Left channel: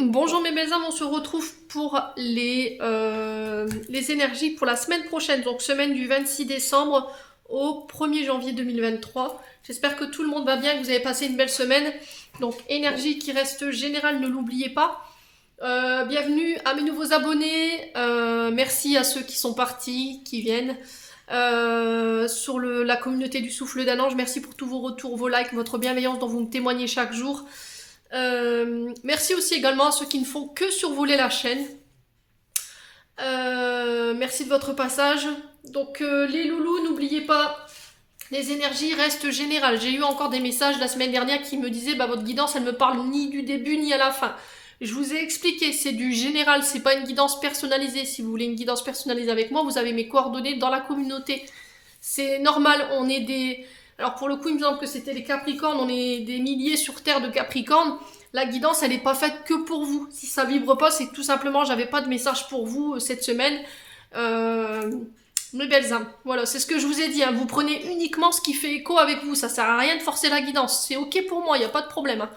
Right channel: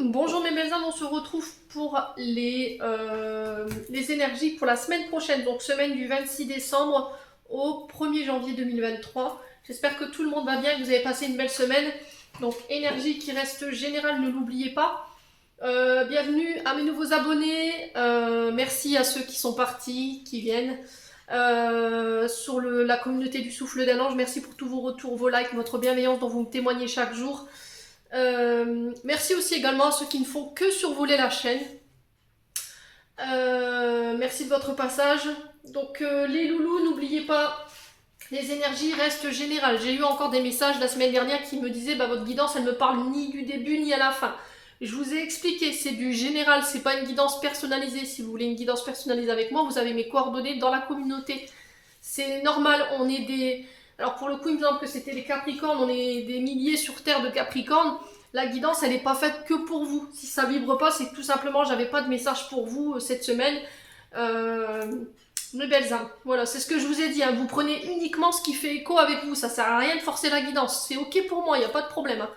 Bonjour mes belles âmes, on se retrouve pour les énergies pour la semaine prochaine, donc semaine du 26 décembre au 1er janvier 2023. J'espère que tout le monde va bien, que vous avez passé une belle semaine. Donc énergie qui reste générale, ne l'oubliez pas. Bienvenue à mes nouveaux abonnés, merci à ceux qui sont partis, qui viennent. Sur la communauté du souffle d'un ange, merci pour tous vos retours, vos likes, votre bienveillance dont vous me témoignez chaque jour. Merci aussi également à ceux qui ne font que survoler la chaîne. Merci de votre passage. Donc les loulous, n'oubliez pas, les énergies restent générales. J'ai eu encore des messages la semaine dernière qui me disaient votre guidance elle me parle ni du début ni à la fin. Je vous ai expliqué, c'est du général, c'est pas une guidance personnalisée. Si vous voulez une guidance personnalisée avec moi, vous avez mes coordonnées dans la communauté. C'est normal, on est des... Alors pour le coup, il me semble que c'était les Capricornes, on est des milliers sur Terre de Capricornes. La guidance, elle n'est pas faite que pour vous. Si ça vibre pas, c'est que tout simplement, j'avais pas de message pour vous cette semaine. Mes belles âmes, voilà, c'est ce que je vous ai dit. Hein. Vous prenez uniquement ce qui fait écho avec vous. Ça sert à rien de forcer la guidance. C'est ok pour moi, il n'y a pas de problème. Hein.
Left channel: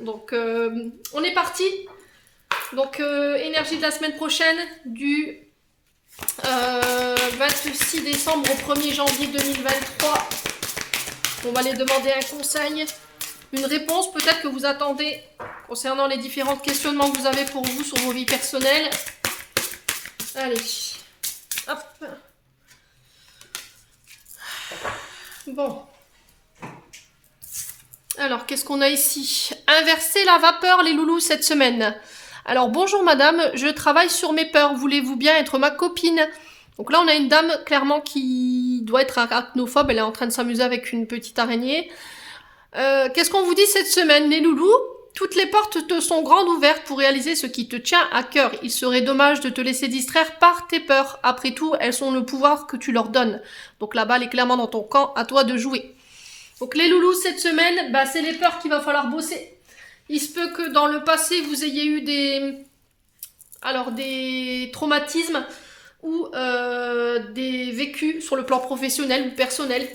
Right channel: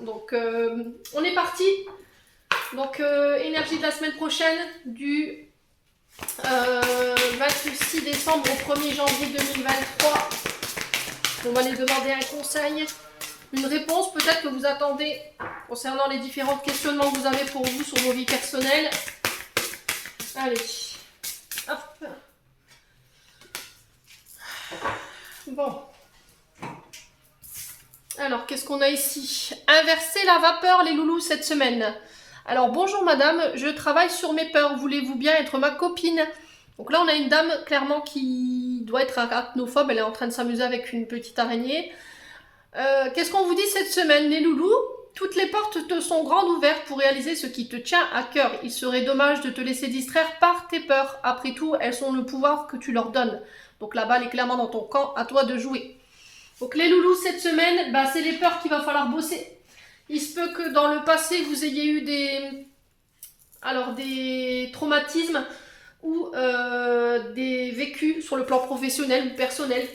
Donc, on est parti. Donc, énergie de la semaine prochaine, du 26 décembre au 1er janvier 2023. On va aller demander un conseil, une réponse peut-être que vous attendez concernant les différents questionnements que vous avez pour vous sur vos vies personnelles. Allez, hop. Bon. Alors, qu'est-ce qu'on a ici? Inverser la vapeur, les loulous, cette semaine. Alors, bonjour madame, je travaille sur mes peurs. Voulez-vous bien être ma copine? Donc là, on a une dame, clairement, qui doit être arachnophobe. Elle est en train de s'amuser avec une petite araignée. Qu'est-ce qu'on vous dit cette semaine, les loulous? Toutes les portes te sont grandes ouvertes pour réaliser ce qui te tient à cœur. Il serait dommage de te laisser distraire par tes peurs. Après tout, elles ont le pouvoir que tu leur donnes. Donc la balle est clairement dans ton camp, à toi de jouer. Donc les loulous, cette semaine, c'est les peurs qu'il va falloir bosser. Il se peut que dans le passé, vous ayez eu des traumatismes ou des vécus sur le plan professionnel ou personnel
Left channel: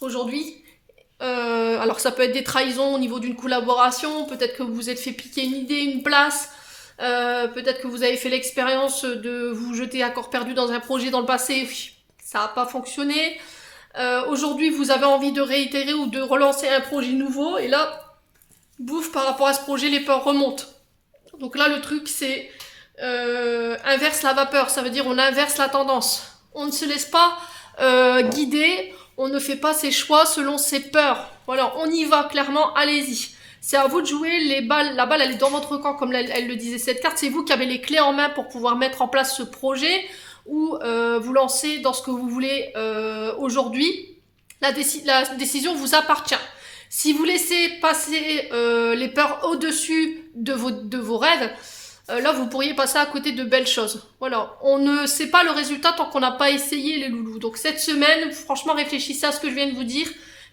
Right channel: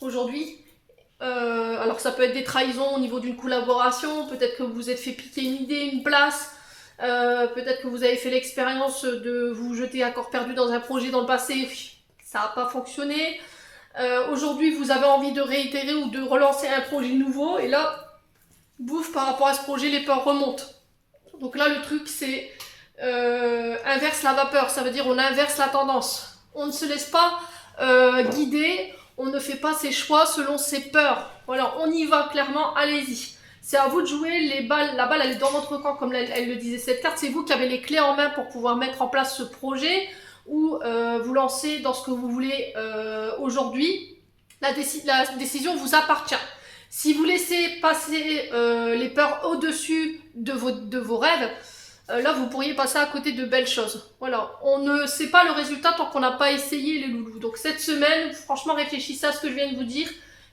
aujourd'hui. Alors ça peut être des trahisons au niveau d'une collaboration, peut-être que vous vous êtes fait piquer une idée, une place, peut-être que vous avez fait l'expérience de vous jeter à corps perdu dans un projet dans le passé, ça n'a pas fonctionné. Aujourd'hui vous avez envie de réitérer ou de relancer un projet nouveau et là, bouf, par rapport à ce projet, les peurs remontent. Donc là le truc c'est inverse la vapeur, ça veut dire on inverse la tendance. On ne se laisse pas guider, on ne fait pas ses choix selon ses peurs. Voilà, on y va clairement, allez-y. C'est à vous de jouer, la balle elle est dans votre camp comme elle le disait cette carte, c'est vous qui avez les clés en main pour pouvoir mettre en place ce projet ou vous lancer dans ce que vous voulez aujourd'hui. La décision vous appartient. Si vous laissez passer les peurs au-dessus de vos rêves, là vous pourriez passer à côté de belles choses. Voilà, on ne sait pas le résultat tant qu'on n'a pas essayé les loulous. Donc cette semaine, franchement réfléchissez à ce que je viens de vous dire,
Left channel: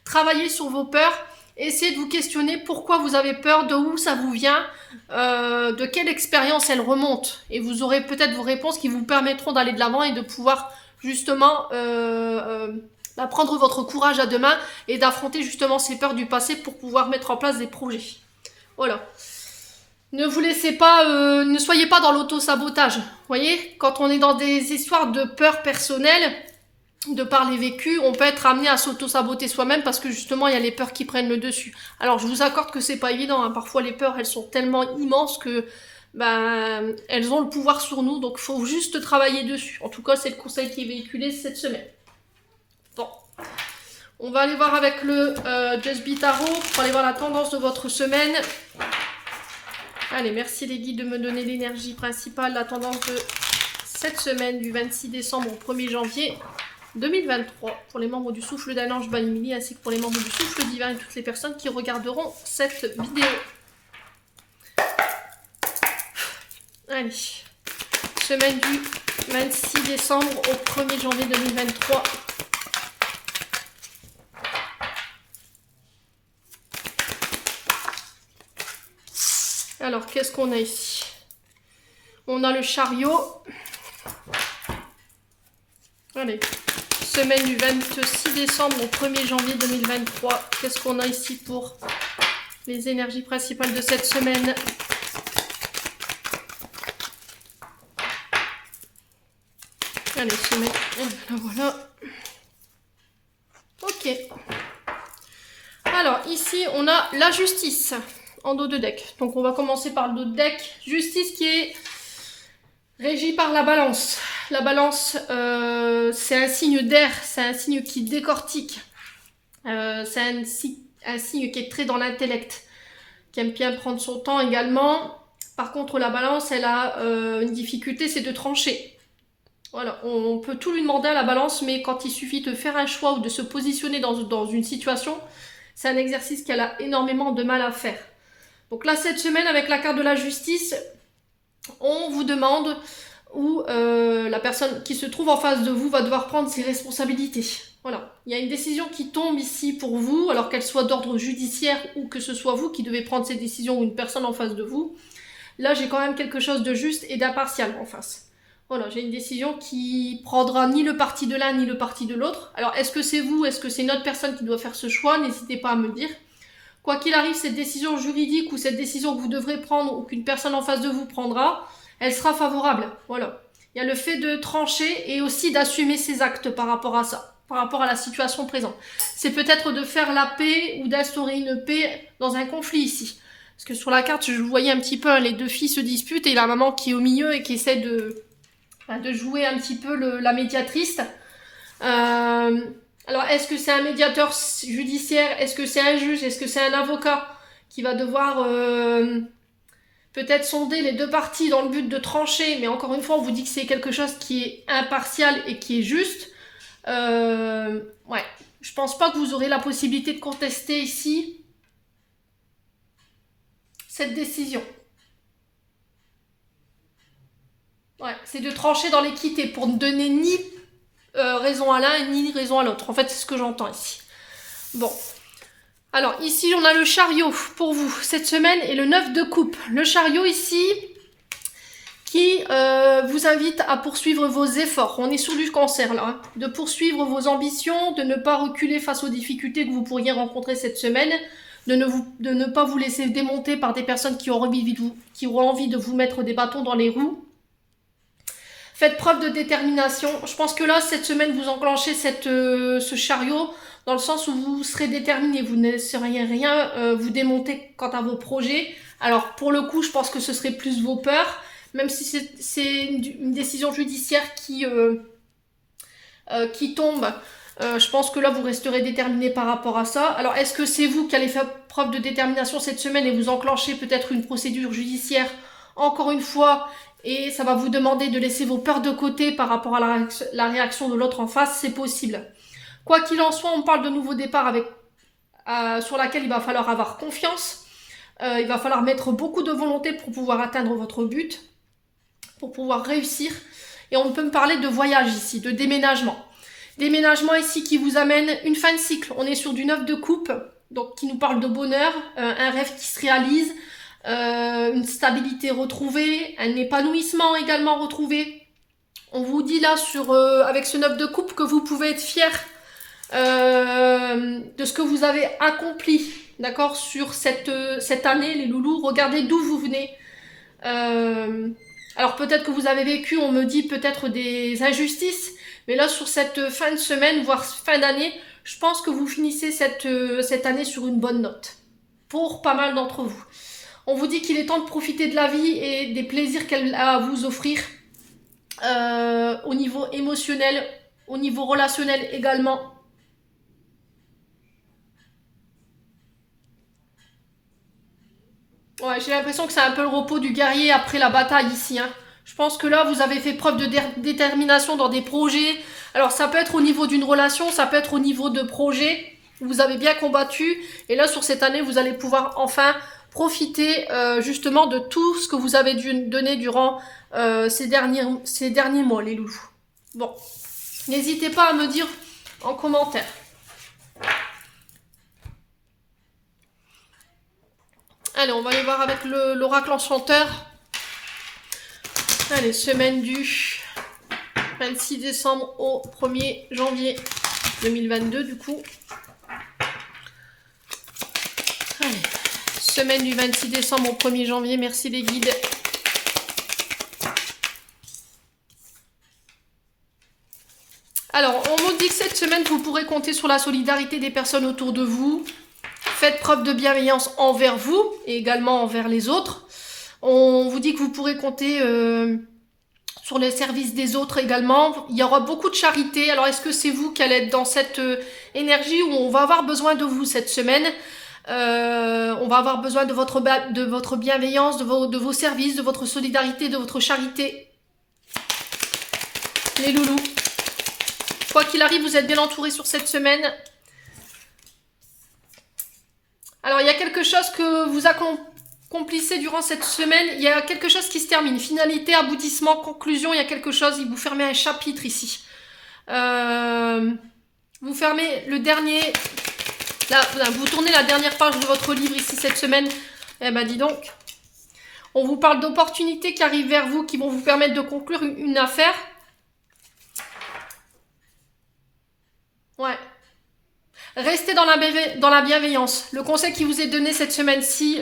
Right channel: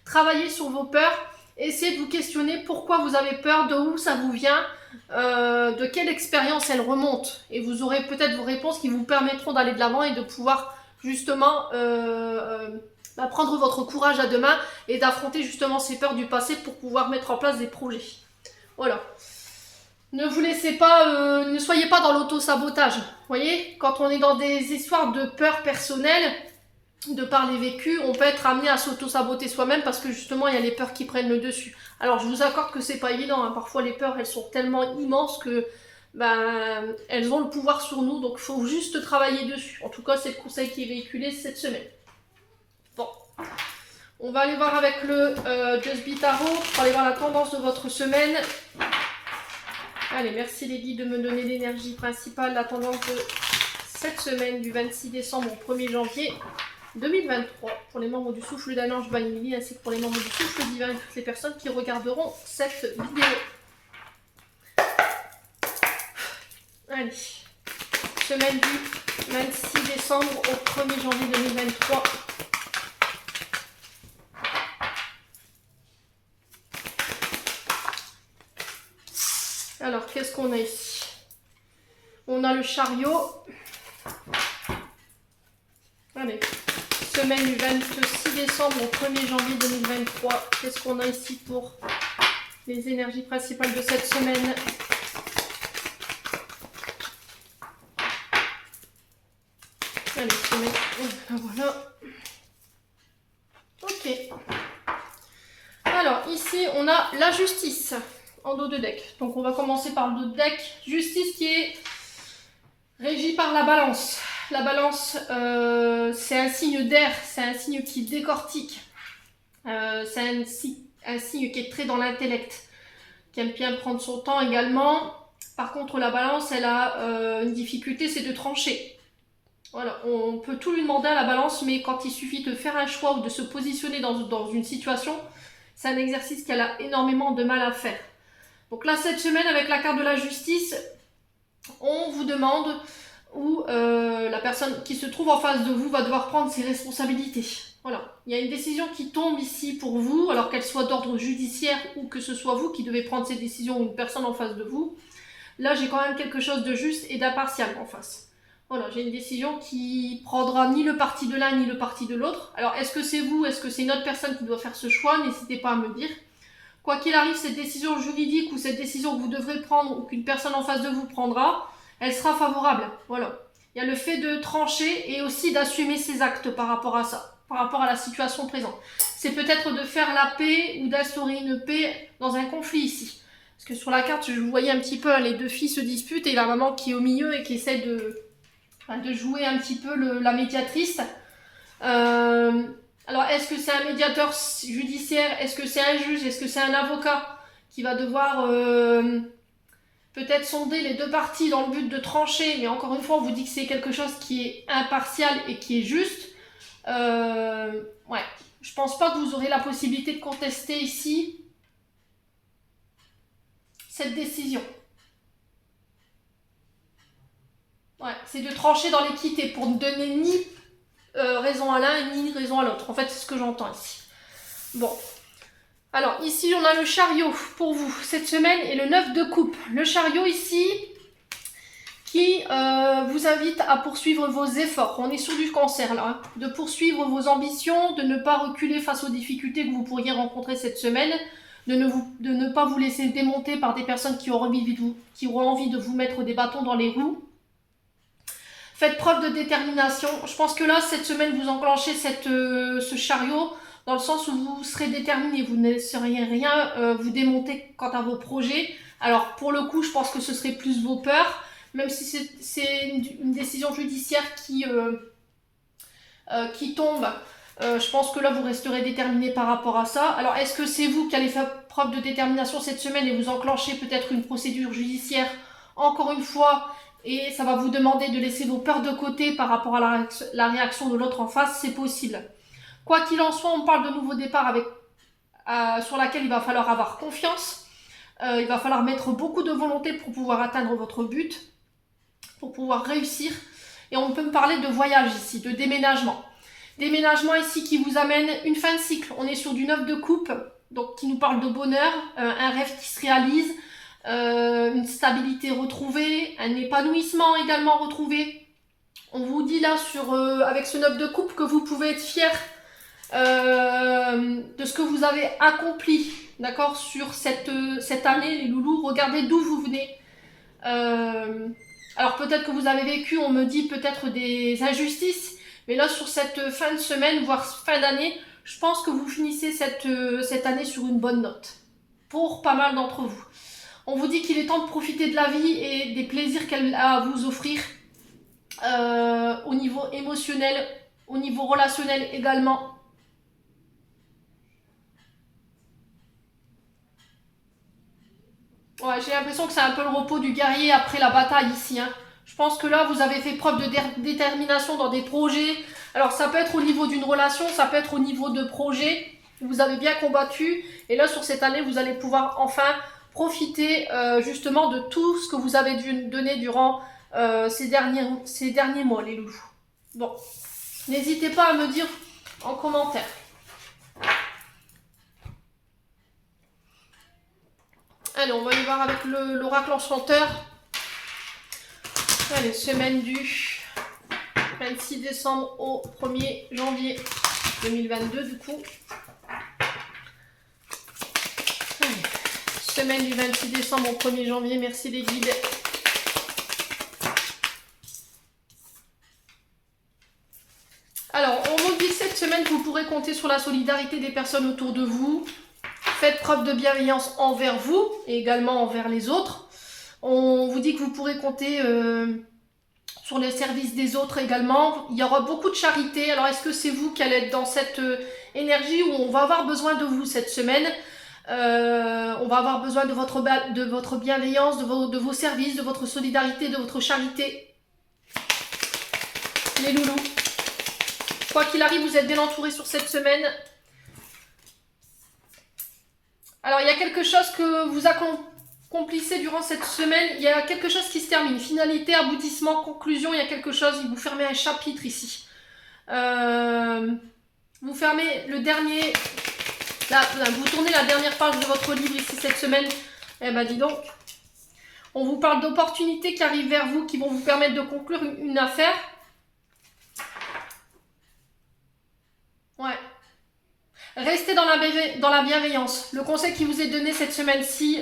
travaillez sur vos peurs, essayez de vous questionner pourquoi vous avez peur, de où ça vous vient, de quelle expérience elle remonte. Et vous aurez peut-être vos réponses qui vous permettront d'aller de l'avant et de pouvoir justement prendre votre courage à deux mains et d'affronter justement ces peurs du passé pour pouvoir mettre en place des projets. Voilà. Ne vous laissez pas, ne soyez pas dans l'auto-sabotage. Vous voyez, quand on est dans des histoires de peur personnelle, de par les vécus, on peut être amené à s'auto-saboter soi-même parce que justement, il y a les peurs qui prennent le dessus. Alors, je vous accorde que c'est pas évident. Hein. Parfois, les peurs, elles sont tellement immenses que elles ont le pouvoir sur nous. Donc, il faut juste travailler dessus. En tout cas, c'est le conseil qui est véhiculé cette semaine. Bon. On va aller voir avec le Just Be Tarot pour aller voir la tendance de votre semaine. Allez, merci les guides de me donner l'énergie principale, la tendance de cette semaine du 26 décembre au 1er janvier 2023 pour les membres du souffle d'un ange by Emily ainsi que pour les membres du souffle divin et toutes les personnes qui regarderont cette vidéo. Allez, semaine du 26 décembre au 1er janvier 2023. Alors, qu'est-ce qu'on a ici? On a le chariot. Allez, semaine du 26 décembre au 1er janvier 2023. Qu'est-ce qu'on a ici pour les énergies principales de cette semaine? Allez, semaine. Voilà. Ok. Alors, ici, on a la justice en dos de deck. Donc, on va commencer par le dos de deck. Justice qui est régie par la balance. La balance, c'est un signe d'air, c'est un signe qui décortique. C'est un signe qui est très dans l'intellect, qui aime bien prendre son temps également. Par contre, la balance, elle a une difficulté, c'est de trancher. Voilà, on peut tout lui demander à la balance, mais quand il suffit de faire un choix ou de se positionner dans une situation, c'est un exercice qu'elle a énormément de mal à faire. Donc là, cette semaine, avec la carte de la justice, on vous demande où la personne qui se trouve en face de vous va devoir prendre ses responsabilités. Voilà, il y a une décision qui tombe ici pour vous, alors qu'elle soit d'ordre judiciaire ou que ce soit vous qui devez prendre ces décisions ou une personne en face de vous. Là, j'ai quand même quelque chose de juste et d'impartial en face. Voilà, j'ai une décision qui prendra ni le parti de l'un ni le parti de l'autre. Alors, est-ce que c'est vous, est-ce que c'est une autre personne qui doit faire ce choix? N'hésitez pas à me dire. Quoi qu'il arrive, cette décision juridique ou cette décision que vous devrez prendre ou qu'une personne en face de vous prendra, elle sera favorable. Voilà. Il y a le fait de trancher et aussi d'assumer ses actes par rapport à ça, par rapport à la situation présente. C'est peut-être de faire la paix ou d'instaurer une paix dans un conflit ici. Parce que sur la carte, je voyais un petit peu, les deux filles se disputent et la maman qui est au milieu et qui essaie de jouer un petit peu la médiatrice. Alors, est-ce que c'est un médiateur judiciaire? Est-ce que c'est un juge? Est-ce que c'est un avocat qui va devoir peut-être sonder les deux parties dans le but de trancher? Mais encore une fois, on vous dit que c'est quelque chose qui est impartial et qui est juste. Ouais, je pense pas que vous aurez la possibilité de contester ici cette décision. Ouais, c'est de trancher dans l'équité pour ne donner ni raison à l'un ni raison à l'autre. En fait, c'est ce que j'entends ici. Bon. Alors, ici, on a le chariot pour vous cette semaine et le 9 de coupe. Le chariot ici qui vous invite à poursuivre vos efforts. On est sous du cancer là. Hein. De poursuivre vos ambitions, de ne pas reculer face aux difficultés que vous pourriez rencontrer cette semaine, de ne pas vous laisser démonter par des personnes qui auront envie de vous mettre des bâtons dans les roues. Faites preuve de détermination. Je pense que là, cette semaine, vous enclenchez ce chariot dans le sens où vous serez déterminé. Vous ne laisserez rien vous démonter quant à vos projets. Alors, pour le coup, je pense que ce serait plus vos peurs. Même si c'est une décision judiciaire qui tombe, je pense que là, vous resterez déterminé par rapport à ça. Alors, est-ce que c'est vous qui allez faire preuve de détermination cette semaine et vous enclenchez peut-être une procédure judiciaire, encore une fois, et ça va vous demander de laisser vos peurs de côté par rapport à la réaction de l'autre en face? C'est possible. Quoi qu'il en soit, on parle de nouveau départ sur laquelle il va falloir avoir confiance. Il va falloir mettre beaucoup de volonté pour pouvoir atteindre votre but, pour pouvoir réussir. Et on peut me parler de voyage ici, de déménagement. Déménagement ici qui vous amène une fin de cycle. On est sur du 9 de coupe, donc qui nous parle de bonheur, un rêve qui se réalise, une stabilité retrouvée, un épanouissement également retrouvé. On vous dit là avec ce 9 de coupe que vous pouvez être fier de ce que vous avez accompli, d'accord, sur cette année, les loulous. Regardez d'où vous venez. Alors peut-être que vous avez vécu, on me dit peut-être des injustices, mais là sur cette fin de semaine, voire fin d'année, je pense que vous finissez cette année sur une bonne note, pour pas mal d'entre vous. On vous dit qu'il est temps de profiter de la vie et des plaisirs qu'elle a à vous offrir, au niveau émotionnel, au niveau relationnel également. Ouais, j'ai l'impression que c'est un peu le repos du guerrier après la bataille ici. Hein. Je pense que là, vous avez fait preuve de détermination dans des projets. Alors, ça peut être au niveau d'une relation, ça peut être au niveau de projets. Vous avez bien combattu. Et là, sur cette année, vous allez pouvoir enfin profiter justement de tout ce que vous avez dû donner durant ces derniers mois, les loulous. Bon, n'hésitez pas à me dire en commentaire. Allez, on va aller voir avec l'oracle enchanteur. Allez, semaine du 26 décembre au 1er janvier 2022 du coup. Allez, semaine du 26 décembre au 1er janvier, merci les guides. semaine, vous pourrez compter sur la solidarité des personnes autour de vous. Faites preuve de bienveillance envers vous et également envers les autres. On vous dit que vous pourrez compter sur les services des autres également. Il y aura beaucoup de charité. Alors, est-ce que c'est vous qui allez être dans cette énergie où on va avoir besoin de vous cette semaine? On va avoir besoin de votre bienveillance, de vos services, de votre solidarité, de votre charité. Les loulous. Quoi qu'il arrive, vous êtes bien entourés sur cette semaine. Alors, il y a quelque chose que vous accomplissez durant cette semaine. Il y a quelque chose qui se termine. Finalité, aboutissement, conclusion. Il y a quelque chose. Vous fermez un chapitre ici. Vous fermez le dernier... Là, vous tournez la dernière page de votre livre ici cette semaine. Eh ben, dis donc. On vous parle d'opportunités qui arrivent vers vous, qui vont vous permettre de conclure une affaire. Ouais. Restez dans la bienveillance. Le conseil qui vous est donné cette semaine-ci,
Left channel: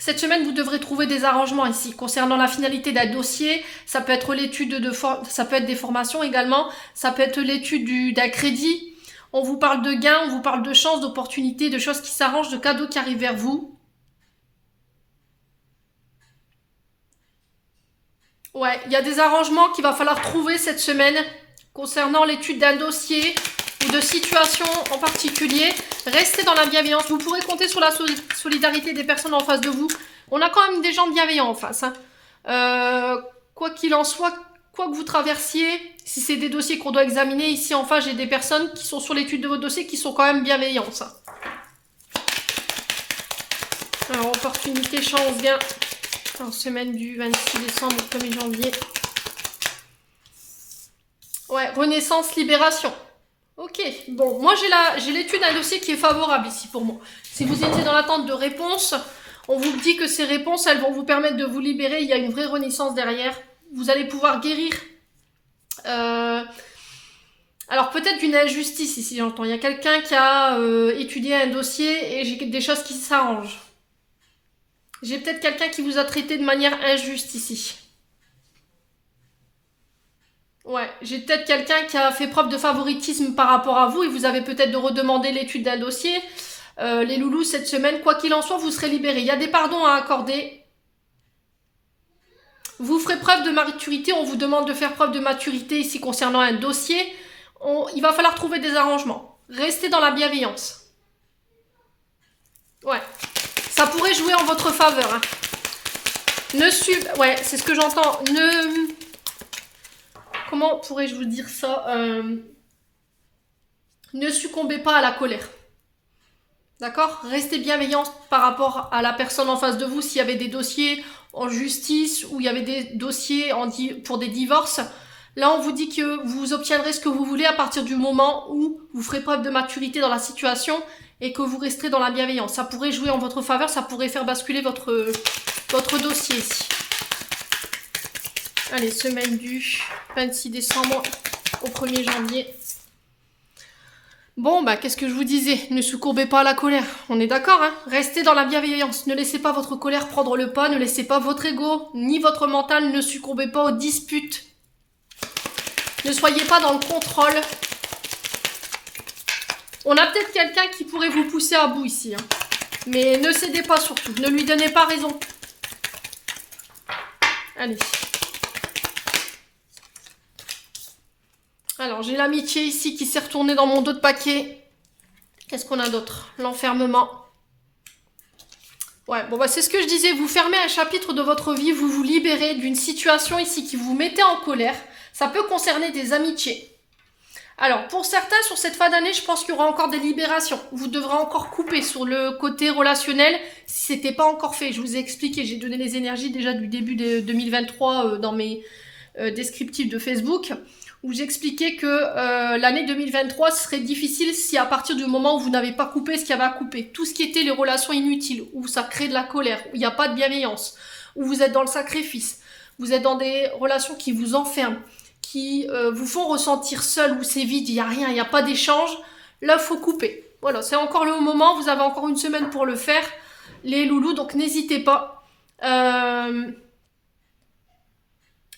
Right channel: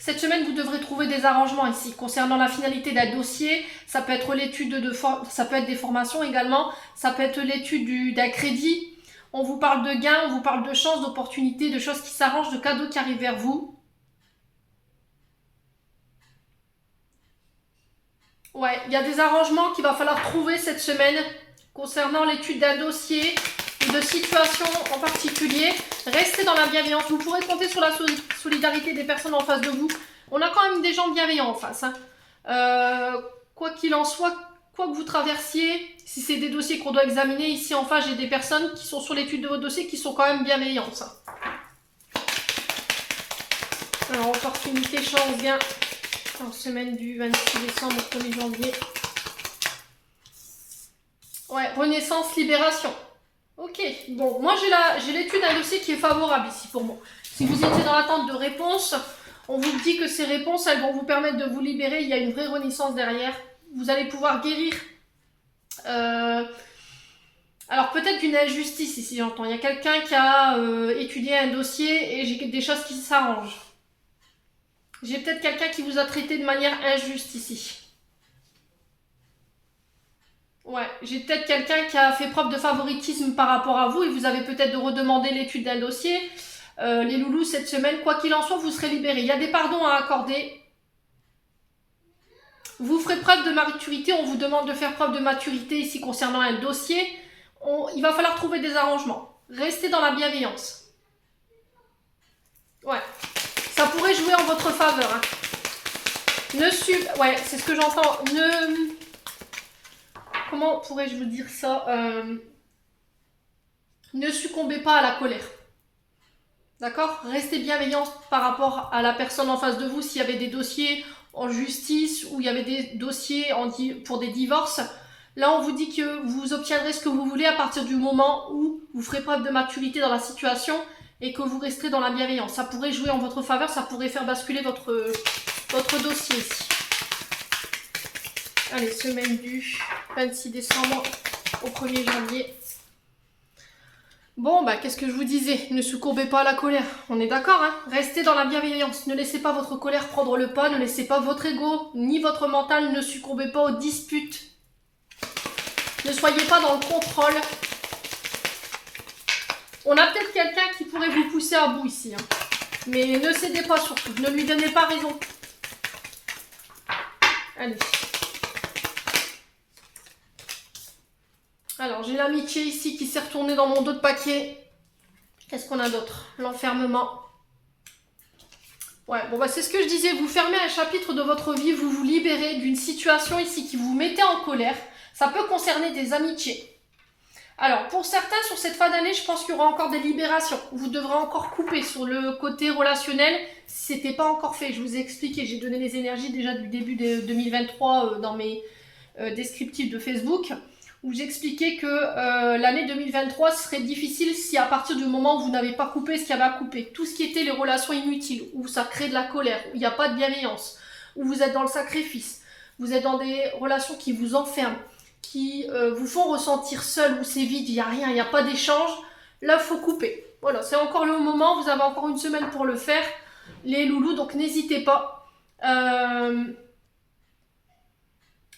cette semaine, vous devrez trouver des arrangements ici. Concernant la finalité d'un dossier, ça peut être l'étude ça peut être des formations également, ça peut être l'étude d'un crédit. On vous parle de gains, on vous parle de chances, d'opportunités, de choses qui s'arrangent, de cadeaux qui arrivent vers vous. Ouais, il y a des arrangements qu'il va falloir trouver cette semaine concernant l'étude d'un dossier ou de situation en particulier. Restez dans la bienveillance. Vous pourrez compter sur la solidarité des personnes en face de vous. On a quand même des gens bienveillants en face. Quoi qu'il en soit, quoi que vous traversiez, si c'est des dossiers qu'on doit examiner, ici en face, j'ai des personnes qui sont sur l'étude de votre dossier qui sont quand même bienveillantes. Alors, opportunité, chance, gain. En semaine du 26 décembre au 1er janvier. Ouais, renaissance, libération. Ok, bon, moi j'ai l'étude d'un dossier qui est favorable ici pour moi. Si vous étiez dans l'attente de réponses, on vous dit que ces réponses, elles vont vous permettre de vous libérer. Il y a une vraie renaissance derrière. Vous allez pouvoir guérir. Alors peut-être d'une injustice ici, j'entends. Il y a quelqu'un qui a étudié un dossier et j'ai des choses qui s'arrangent. J'ai peut-être quelqu'un qui vous a traité de manière injuste ici. Ouais, j'ai peut-être quelqu'un qui a fait preuve de favoritisme par rapport à vous et vous avez peut-être de redemander l'étude d'un dossier. Les loulous, cette semaine, quoi qu'il en soit, vous serez libérés. Il y a des pardons à accorder. Vous ferez preuve de maturité. On vous demande de faire preuve de maturité ici concernant un dossier. Il va falloir trouver des arrangements. Restez dans la bienveillance. Ouais. Ça pourrait jouer en votre faveur. Hein. Ouais, c'est ce que j'entends. Comment pourrais-je vous dire ça? Ne succombez pas à la colère. D'accord? Restez bienveillant par rapport à la personne en face de vous. S'il y avait des dossiers en justice ou il y avait des dossiers pour des divorces, là on vous dit que vous obtiendrez ce que vous voulez à partir du moment où vous ferez preuve de maturité dans la situation et que vous resterez dans la bienveillance. Ça pourrait jouer en votre faveur, ça pourrait faire basculer votre dossier ici. Allez, semaine du 26 décembre au 1er janvier. Bon, bah, qu'est-ce que je vous disais? Ne succombez pas à la colère. On est d'accord, hein? Restez dans la bienveillance. Ne laissez pas votre colère prendre le pas. Ne laissez pas votre ego, ni votre mental. Ne succombez pas aux disputes. Ne soyez pas dans le contrôle. On a peut-être quelqu'un qui pourrait vous pousser à bout ici. Hein. Mais ne cédez pas surtout. Ne lui donnez pas raison. Allez. Alors, j'ai l'amitié ici qui s'est retournée dans mon dos de paquet. Qu'est-ce qu'on a d'autre? L'enfermement. Ouais, bon, bah, c'est ce que je disais. Vous fermez un chapitre de votre vie, vous vous libérez d'une situation ici qui vous mettait en colère. Ça peut concerner des amitiés. Alors, pour certains, sur cette fin d'année, je pense qu'il y aura encore des libérations. Vous devrez encore couper sur le côté relationnel si ce n'était pas encore fait. Je vous ai expliqué, j'ai donné les énergies déjà du début de 2023 dans mes descriptifs de Facebook, où j'expliquais que l'année 2023 serait difficile si à partir du moment où vous n'avez pas coupé ce qu'il y avait à couper. Tout ce qui était les relations inutiles, où ça crée de la colère, où il n'y a pas de bienveillance, où vous êtes dans le sacrifice, vous êtes dans des relations qui vous enferment, qui vous font ressentir seul, où c'est vide, il n'y a rien, il n'y a pas d'échange, là il faut couper. Voilà, c'est encore le moment, vous avez encore une semaine pour le faire, les loulous, donc n'hésitez pas.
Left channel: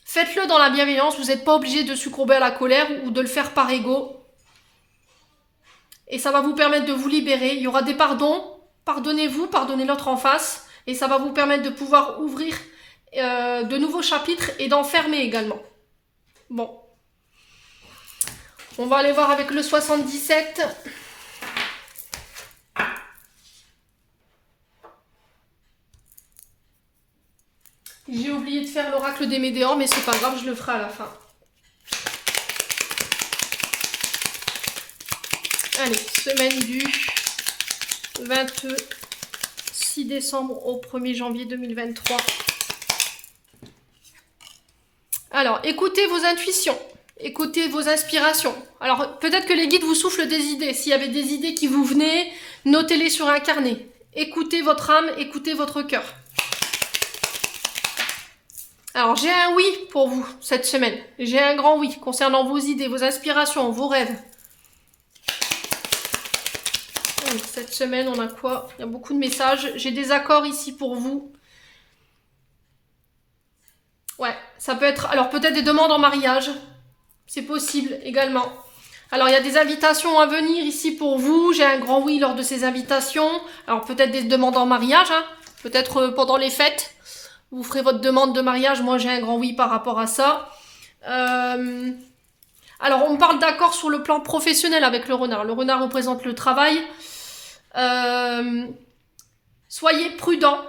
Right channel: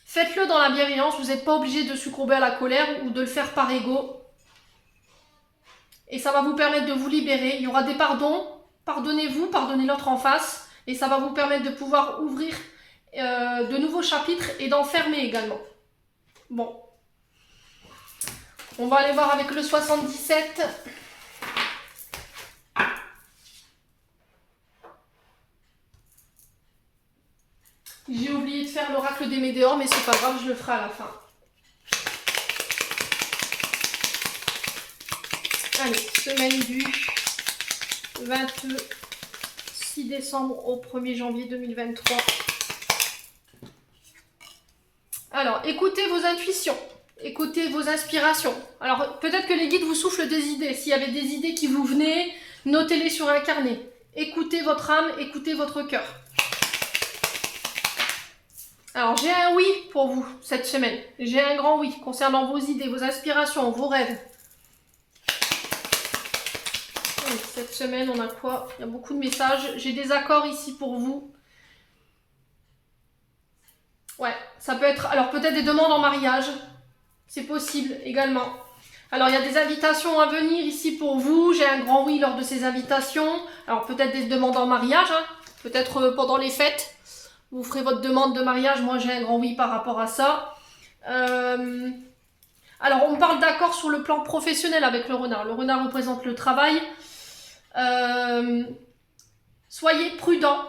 Faites-le dans la bienveillance, vous n'êtes pas obligé de succomber à la colère ou de le faire par ego. et ça va vous permettre de vous libérer. Il y aura des pardons, pardonnez-vous, pardonnez l'autre en face, et ça va vous permettre de pouvoir ouvrir de nouveaux chapitres et d'en fermer également. Bon. On va aller voir avec le 77. J'ai oublié de faire l'oracle des Médéors, mais c'est pas grave, je le ferai à la fin. Allez, semaine du 26 décembre au 1er janvier 2023. Alors, écoutez vos intuitions, écoutez vos inspirations. Alors, peut-être que les guides vous soufflent des idées. S'il y avait des idées qui vous venaient, notez-les sur un carnet. Écoutez votre âme, écoutez votre cœur. Alors, j'ai un oui pour vous cette semaine. J'ai un grand oui concernant vos idées, vos inspirations, vos rêves. Allez, cette semaine, on a quoi? Il y a beaucoup de messages. J'ai des accords ici pour vous. Ouais, ça peut être... Alors, peut-être des demandes en mariage. C'est possible également. Alors, il y a des invitations à venir ici pour vous. J'ai un grand oui lors de ces invitations. Alors, peut-être des demandes en mariage. Hein. Peut-être pendant les fêtes. Vous ferez votre demande de mariage. Moi, j'ai un grand oui par rapport à ça. Alors, on parle d'accord sur le plan professionnel avec le renard. Le renard représente le travail. Soyez prudent.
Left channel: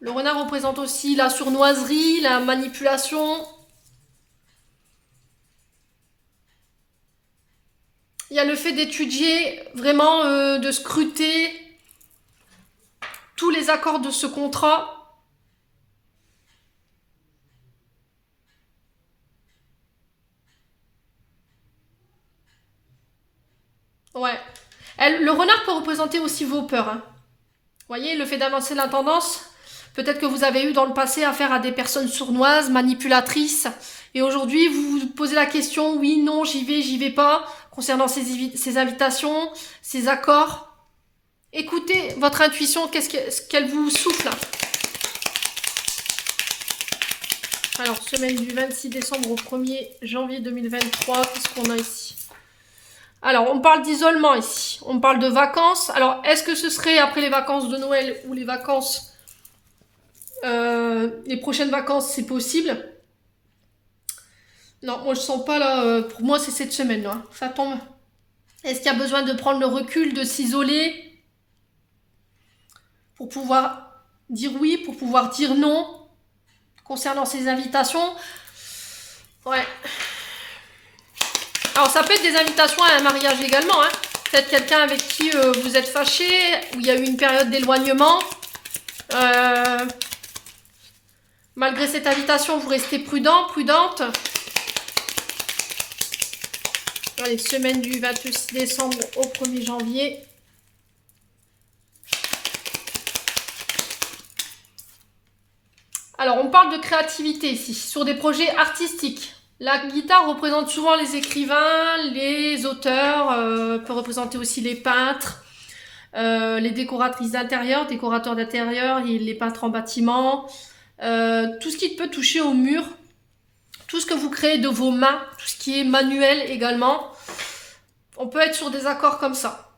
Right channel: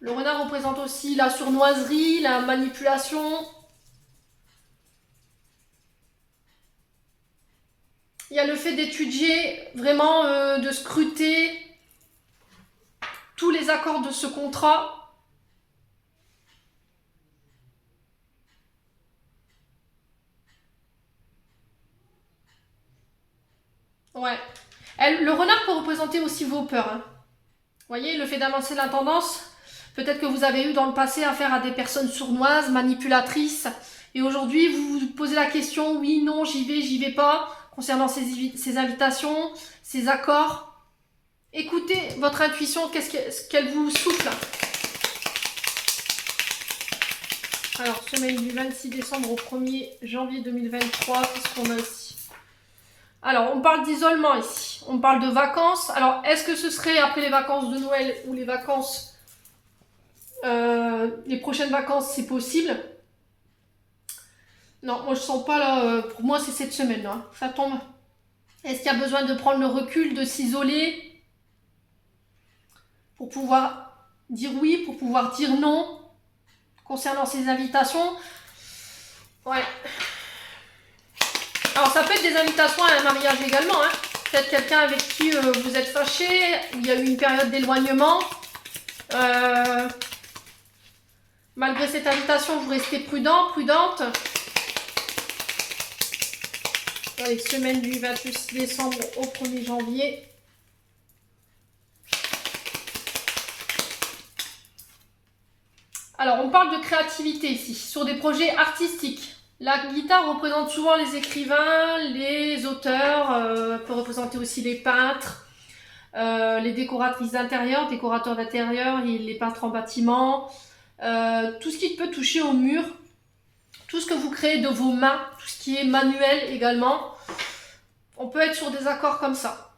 Le renard représente aussi la sournoiserie, la manipulation. Il y a le fait d'étudier, vraiment de scruter tous les accords de ce contrat. Ouais. Le renard peut représenter aussi vos peurs. Hein. Vous voyez, le fait d'avancer la tendance, peut-être que vous avez eu dans le passé affaire à des personnes sournoises, manipulatrices, et aujourd'hui vous vous posez la question, oui, non, j'y vais pas, concernant ces invitations, ces accords. Écoutez votre intuition, qu'est-ce qu'elle vous souffle. Alors, semaine du 26 décembre au 1er janvier 2023, qu'est-ce qu'on a ici? Alors, on parle d'isolement ici, on parle de vacances. Alors, est-ce que ce serait après les vacances de Noël ou les vacances, les prochaines vacances, c'est possible? Non, moi je sens pas là, pour moi c'est cette semaine là, ça tombe. Est-ce qu'il y a besoin de prendre le recul, de s'isoler pour pouvoir dire oui, pour pouvoir dire non concernant ces invitations? Ouais. Alors ça peut être des invitations à un mariage également, hein. Peut-être quelqu'un avec qui vous êtes fâché, où il y a eu une période d'éloignement. Malgré cette invitation, vous restez prudent, prudente. Allez, semaine du 26 décembre au 1er janvier. Alors, on parle de créativité ici, sur des projets artistiques. La guitare représente souvent les écrivains, les auteurs, peut représenter aussi les peintres, les décoratrices d'intérieur, décorateurs d'intérieur, les peintres en bâtiment, tout ce qui peut toucher au mur, tout ce que vous créez de vos mains, tout ce qui est manuel également. On peut être sur des accords comme ça.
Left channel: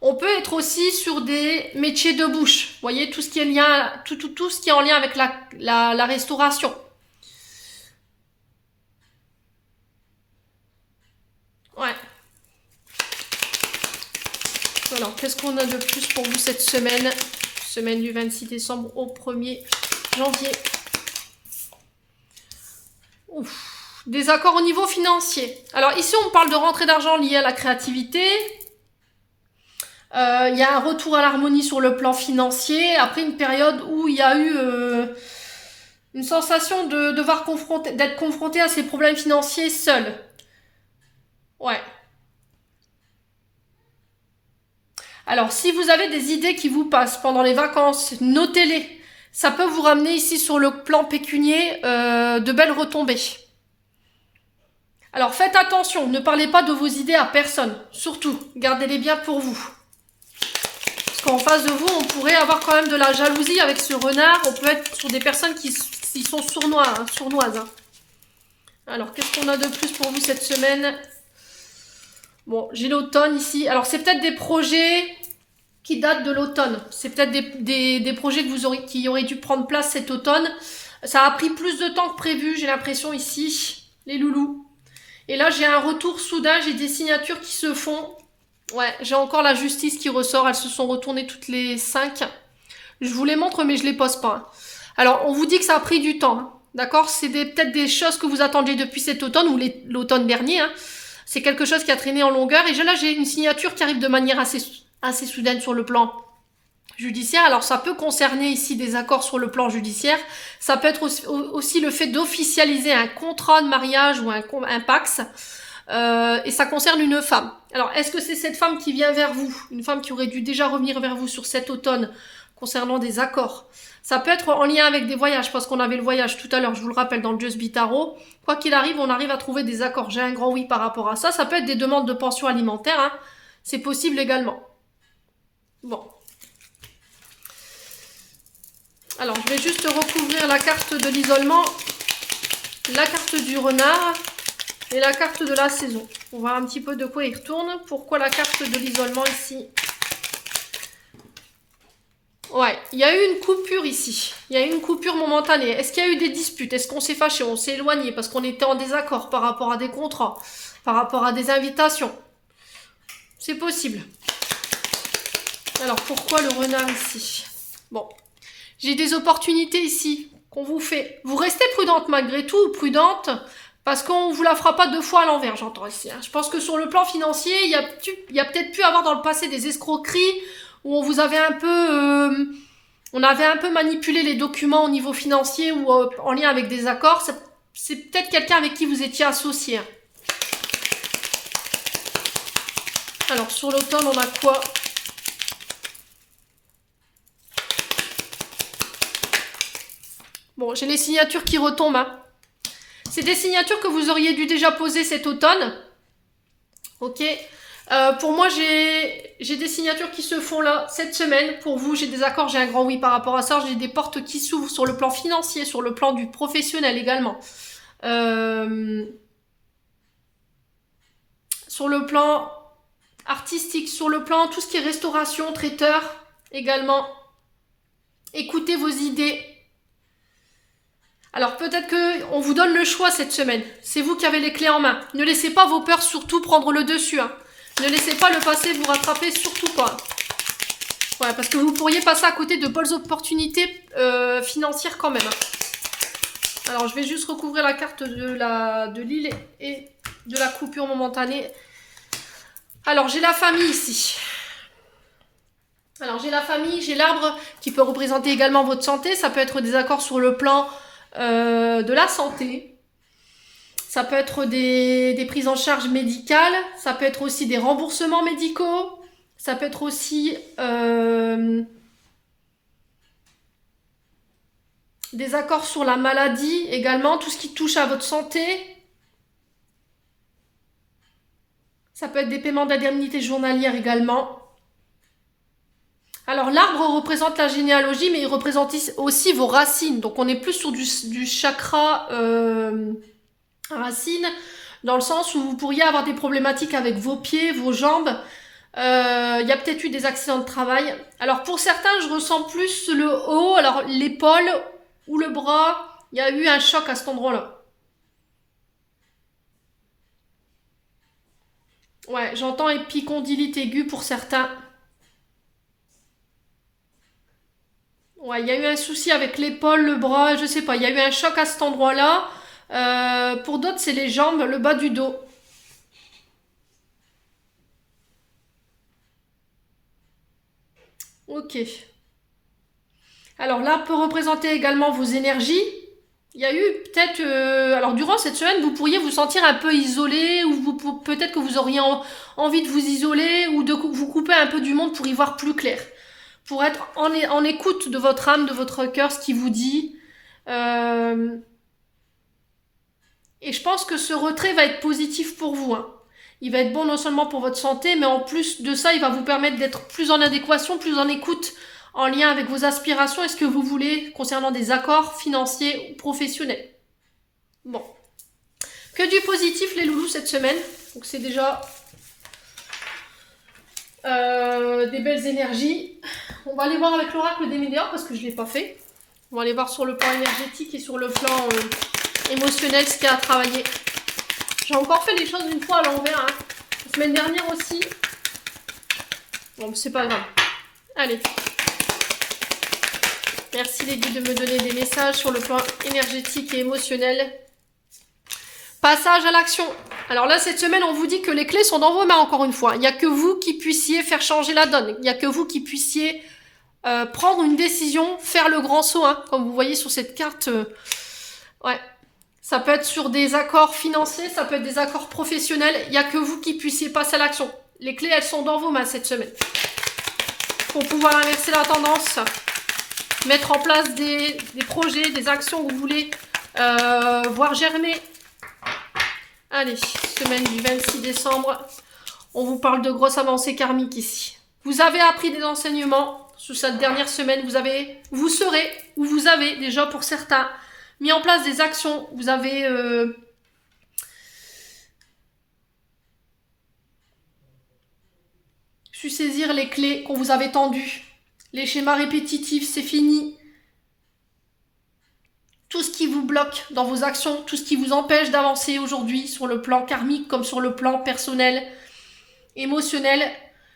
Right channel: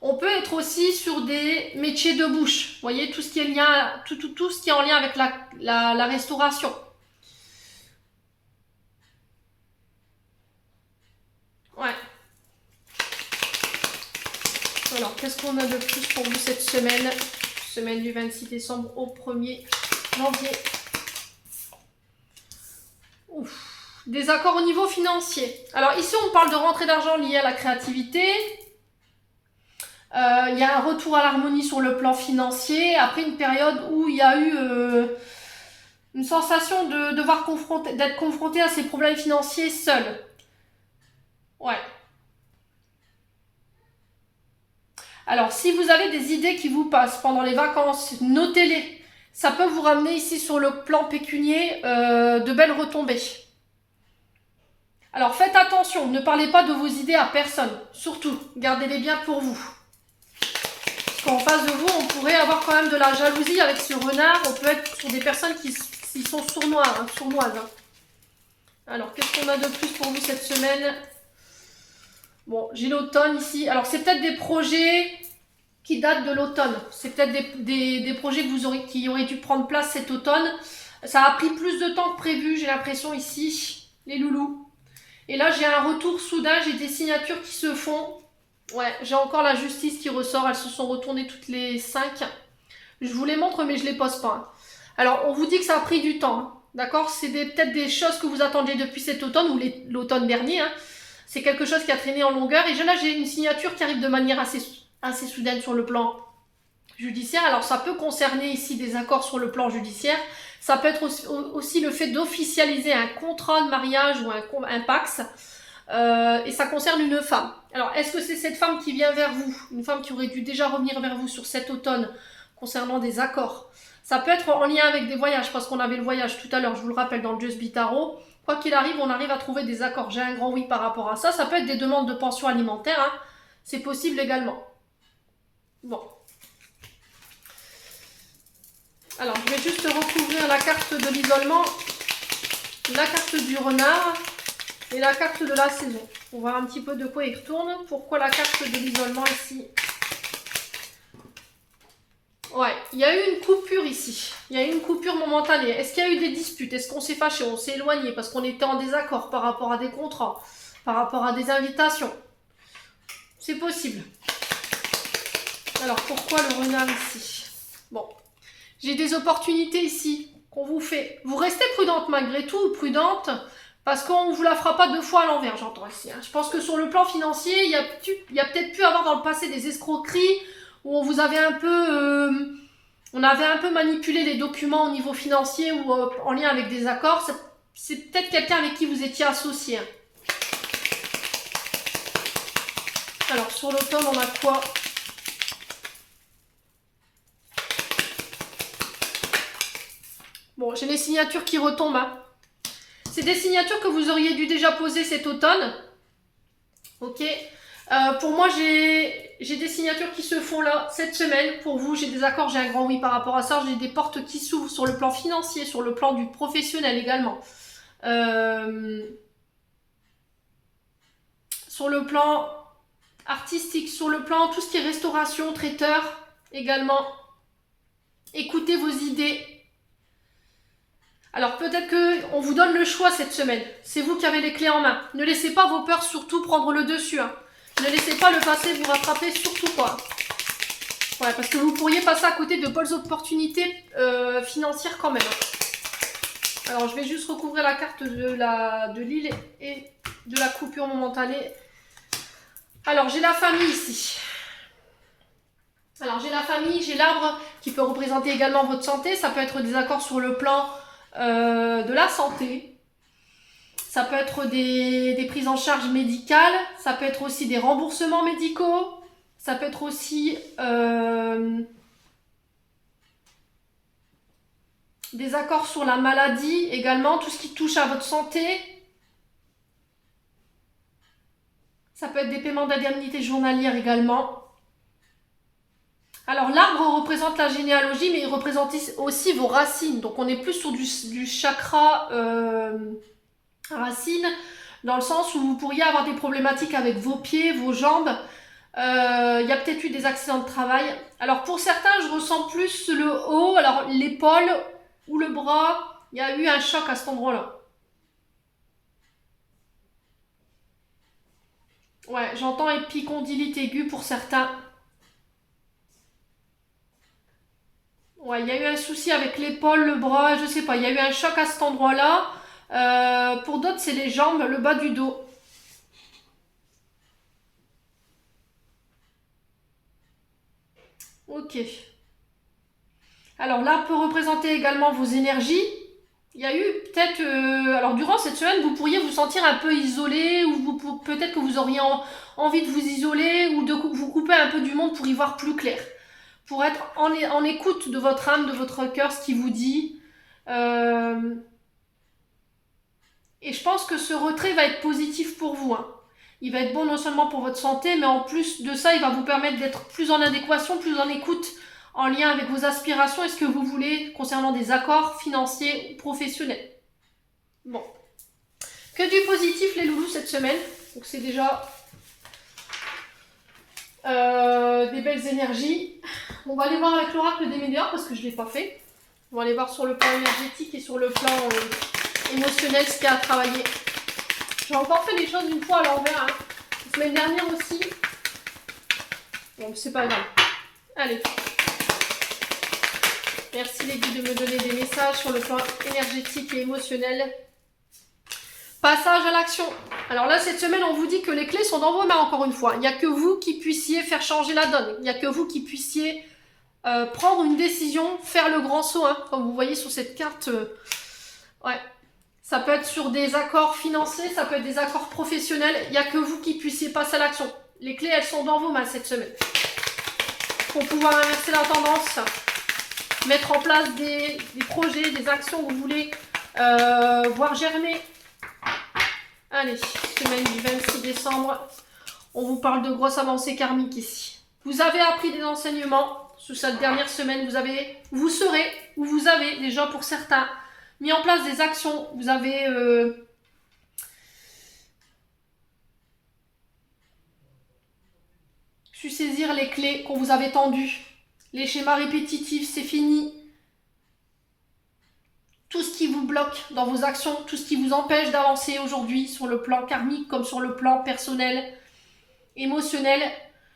On peut être aussi sur des métiers de bouche. Vous voyez, tout ce qui est lien, tout ce qui est en lien avec la restauration. Ouais. Alors, qu'est-ce qu'on a de plus pour vous cette semaine? Semaine du 26 décembre au 1er janvier. Ouf. Des accords au niveau financier. Alors ici, on parle de rentrée d'argent liée à la créativité. Il y a un retour à l'harmonie sur le plan financier. Après une période où il y a eu une sensation de devoir d'être confronté à ces problèmes financiers seul. Ouais. Alors, si vous avez des idées qui vous passent pendant les vacances, notez-les. Ça peut vous ramener ici sur le plan pécunier de belles retombées. Alors, faites attention, ne parlez pas de vos idées à personne. Surtout, gardez-les bien pour vous. Parce qu'en face de vous, on pourrait avoir quand même de la jalousie avec ce renard. On peut être sur des personnes qui sont sournoises. Alors, qu'est-ce qu'on a de plus pour vous cette semaine? Bon, j'ai l'automne ici. Alors, c'est peut-être des projets qui datent de l'automne. C'est peut-être des projets qui auraient dû prendre place cet automne. Ça a pris plus de temps que prévu, j'ai l'impression ici, les loulous. Et là, j'ai un retour soudain, j'ai des signatures qui se font. Ouais, j'ai encore la justice qui ressort, elles se sont retournées toutes les 5. Je vous les montre, mais je les pose pas, hein. Alors, on vous dit que ça a pris du temps, hein, d'accord? C'est peut-être des choses que vous attendiez depuis cet automne ou l'automne dernier, hein. C'est quelque chose qui a traîné en longueur. Et là, j'ai une signature qui arrive de manière assez soudaine sur le plan judiciaire. Alors, ça peut concerner ici des accords sur le plan judiciaire. Ça peut être aussi le fait d'officialiser un contrat de mariage ou un PACS. Et ça concerne une femme. Alors, est-ce que c'est cette femme qui vient vers vous? Une femme qui aurait dû déjà revenir vers vous sur cet automne concernant des accords. Ça peut être en lien avec des voyages, parce qu'on avait le voyage tout à l'heure, je vous le rappelle, dans le Just Be Tarot. Quoi qu'il arrive, on arrive à trouver des accords. J'ai un grand oui par rapport à ça. Ça peut être des demandes de pension alimentaire, hein. C'est possible également. Bon. Alors, je vais juste recouvrir la carte de l'isolement, la carte du renard et la carte de la saison. On va voir un petit peu de quoi il retourne. Pourquoi la carte de l'isolement ici? Ouais, il y a eu une coupure ici. Il y a eu une coupure momentanée. Est-ce qu'il y a eu des disputes? Est-ce qu'on s'est fâché? On s'est éloigné parce qu'on était en désaccord par rapport à des contrats, par rapport à des invitations? C'est possible. Alors, pourquoi le renard ici? Bon, j'ai des opportunités ici qu'on vous fait. Vous restez prudente malgré tout, prudente, parce qu'on ne vous la fera pas deux fois à l'envers, j'entends ici, hein. Je pense que sur le plan financier, il y a peut-être pu avoir dans le passé des escroqueries où on vous avait un peu, on avait un peu manipulé les documents au niveau financier ou en lien avec des accords. C'est peut-être quelqu'un avec qui vous étiez associé, hein. Alors, sur l'automne, on a quoi? Bon, j'ai les signatures qui retombent, hein. C'est des signatures que vous auriez dû déjà poser cet automne. Ok. Pour moi, j'ai des signatures qui se font là, cette semaine. Pour vous, j'ai des accords, j'ai un grand oui par rapport à ça. J'ai des portes qui s'ouvrent sur le plan financier, sur le plan du professionnel également. Sur le plan artistique, sur le plan tout ce qui est restauration, traiteur également. Écoutez vos idées. Alors peut-être qu'on vous donne le choix cette semaine. C'est vous qui avez les clés en main. Ne laissez pas vos peurs surtout prendre le dessus, hein. Ne laissez pas le passé vous rattraper, surtout pas. Ouais, parce que vous pourriez passer à côté de bonnes opportunités financières quand même, hein. Alors je vais juste recouvrir la carte de l'île et de la coupure momentanée. Alors j'ai la famille ici. Alors j'ai la famille, j'ai l'arbre qui peut représenter également votre santé. Ça peut être des accords sur le plan de la santé. Ça peut être des prises en charge médicales. Ça peut être aussi des remboursements médicaux. Ça peut être aussi des accords sur la maladie également. Tout ce qui touche à votre santé. Ça peut être des paiements d'indemnité journalière également. Alors l'arbre représente la généalogie, mais il représente aussi vos racines. Donc on est plus sur du chakra racine, dans le sens où vous pourriez avoir des problématiques avec vos pieds, vos jambes. Il y a peut-être eu des accidents de travail. Alors pour certains, je ressens plus le haut, alors l'épaule ou le bras. Il y a eu un choc à cet endroit-là. Ouais, j'entends épicondylite aiguë pour certains. Ouais, il y a eu un souci avec l'épaule, le bras, je sais pas. Il y a eu un choc à cet endroit-là. Pour d'autres, c'est les jambes, le bas du dos. Ok. Alors là, peut représenter également vos énergies. Il y a eu peut-être... alors durant cette semaine, vous pourriez vous sentir un peu isolé ou peut-être que vous auriez envie de vous isoler ou de vous couper un peu du monde pour y voir plus clair. Pour être en écoute de votre âme, de votre cœur, ce qui vous dit. Et je pense que ce retrait va être positif pour vous, hein. Il va être bon non seulement pour votre santé, mais en plus de ça, il va vous permettre d'être plus en adéquation, plus en écoute, en lien avec vos aspirations et ce que vous voulez concernant des accords financiers ou professionnels. Bon. Que du positif les loulous cette semaine. Donc c'est déjà des belles énergies. On va aller voir avec l'oracle des médias parce que je ne l'ai pas fait. On va aller voir sur le plan énergétique et sur le plan émotionnel ce qu'il y a à travailler. J'ai encore fait les choses une fois à l'envers. Hein. La semaine dernière aussi. Bon, c'est pas grave. Allez. Merci les guides de me donner des messages sur le plan énergétique et émotionnel. Passage à l'action. Alors là, cette semaine, on vous dit que les clés sont dans vos mains, encore une fois. Il n'y a que vous qui puissiez faire changer la donne. Il n'y a que vous qui puissiez prendre une décision, faire le grand saut. Hein, comme vous voyez sur cette carte. Ouais. Ça peut être sur des accords financiers, ça peut être des accords professionnels. Il n'y a que vous qui puissiez passer à l'action. Les clés, elles sont dans vos mains cette semaine. Pour pouvoir inverser la tendance, mettre en place des projets, des actions que vous voulez voir germer. Allez, semaine du 26 décembre, on vous parle de grosses avancées karmiques ici. Vous avez appris des enseignements sous cette dernière semaine. Vous serez, ou vous avez déjà pour certains, mis en place des actions. Vous avez su saisir les clés qu'on vous avait tendues. Les schémas répétitifs, c'est fini. Tout ce qui vous bloque dans vos actions, tout ce qui vous empêche d'avancer aujourd'hui sur le plan karmique comme sur le plan personnel, émotionnel.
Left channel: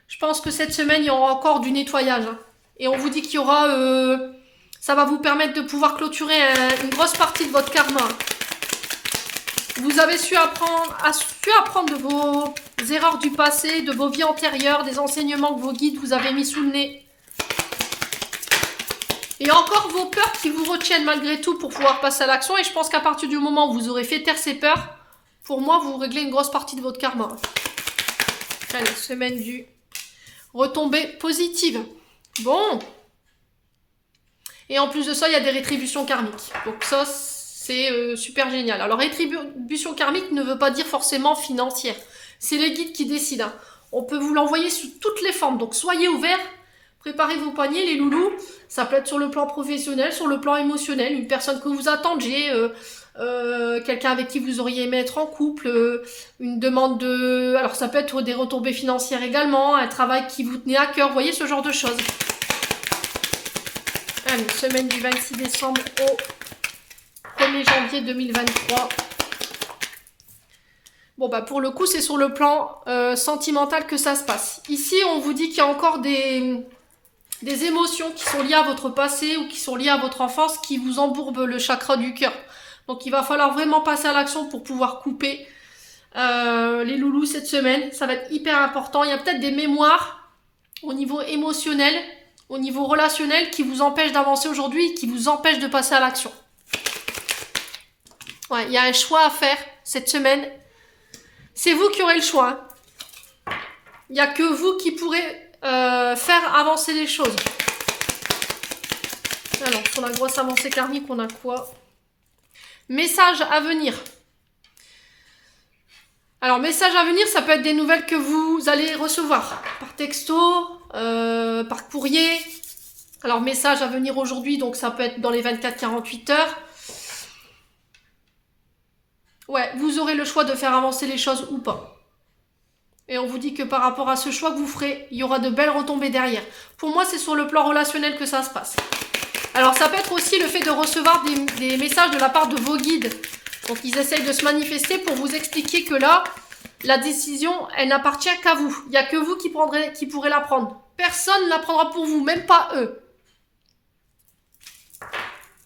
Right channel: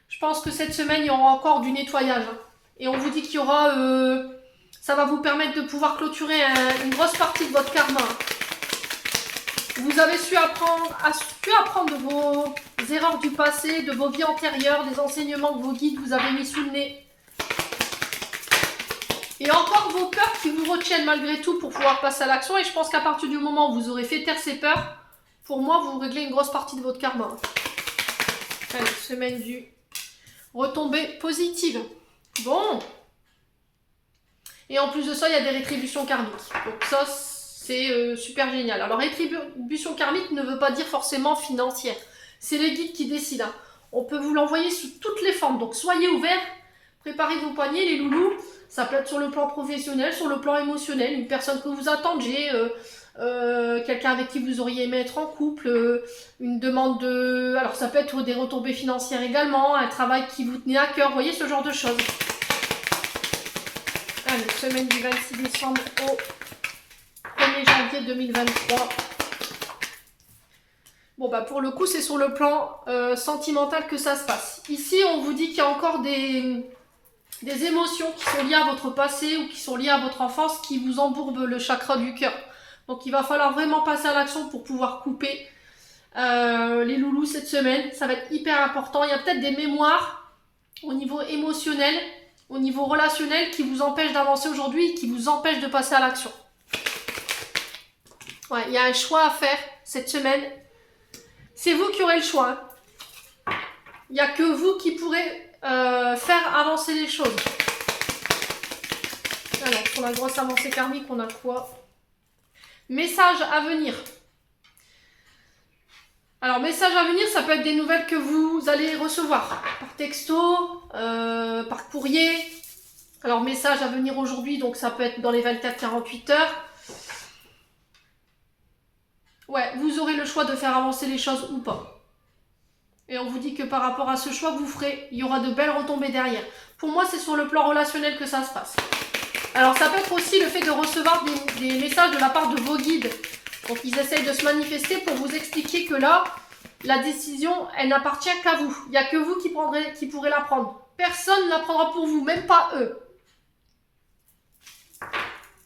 Je pense que cette semaine, il y aura encore du nettoyage. Et on vous dit qu'il y aura... ça va vous permettre de pouvoir clôturer une grosse partie de votre karma. Vous avez su apprendre de vos erreurs du passé, de vos vies antérieures, des enseignements que vos guides vous avez mis sous le nez. Et encore vos peurs qui vous retiennent malgré tout pour pouvoir passer à l'action. Et je pense qu'à partir du moment où vous aurez fait taire ces peurs, pour moi, vous réglez une grosse partie de votre karma. Allez, semaine du retombée positive. Bon. Et en plus de ça, il y a des rétributions karmiques. Donc ça, c'est super génial. Alors, rétribution karmique ne veut pas dire forcément financière. C'est les guides qui décident. Hein. On peut vous l'envoyer sous toutes les formes. Donc, soyez ouverts. Préparez vos poignets, les loulous. Ça peut être sur le plan professionnel, sur le plan émotionnel. Une personne que vous attendiez, quelqu'un avec qui vous auriez aimé être en couple, une demande de... Alors, ça peut être des retombées financières également, un travail qui vous tenait à cœur. Vous voyez ce genre de choses. Allez, semaine du 26 décembre au 1er janvier 2023. Bon, bah pour le coup, c'est sur le plan sentimental que ça se passe. Ici, on vous dit qu'il y a encore des émotions qui sont liées à votre passé ou qui sont liées à votre enfance qui vous embourbent le chakra du cœur. Donc, il va falloir vraiment passer à l'action pour pouvoir couper les loulous cette semaine. Ça va être hyper important. Il y a peut-être des mémoires au niveau émotionnel, au niveau relationnel qui vous empêchent d'avancer aujourd'hui, qui vous empêchent de passer à l'action. Ouais, il y a un choix à faire cette semaine. C'est vous qui aurez le choix. Hein. Il n'y a que vous qui pourrez faire avancer les choses. Alors, sur la grosse avancée karmique, on a quoi? Message à venir. Alors, message à venir, ça peut être des nouvelles que vous allez recevoir par texto, par courrier. Alors, message à venir aujourd'hui, donc ça peut être dans les 24-48 heures. Ouais, vous aurez le choix de faire avancer les choses ou pas. Et on vous dit que par rapport à ce choix que vous ferez, il y aura de belles retombées derrière. Pour moi, c'est sur le plan relationnel que ça se passe. Alors, ça peut être aussi le fait de recevoir des messages de la part de vos guides. Donc, ils essayent de se manifester pour vous expliquer que là, la décision, elle n'appartient qu'à vous. Il n'y a que vous qui pourrez la prendre. Personne ne la prendra pour vous, même pas eux.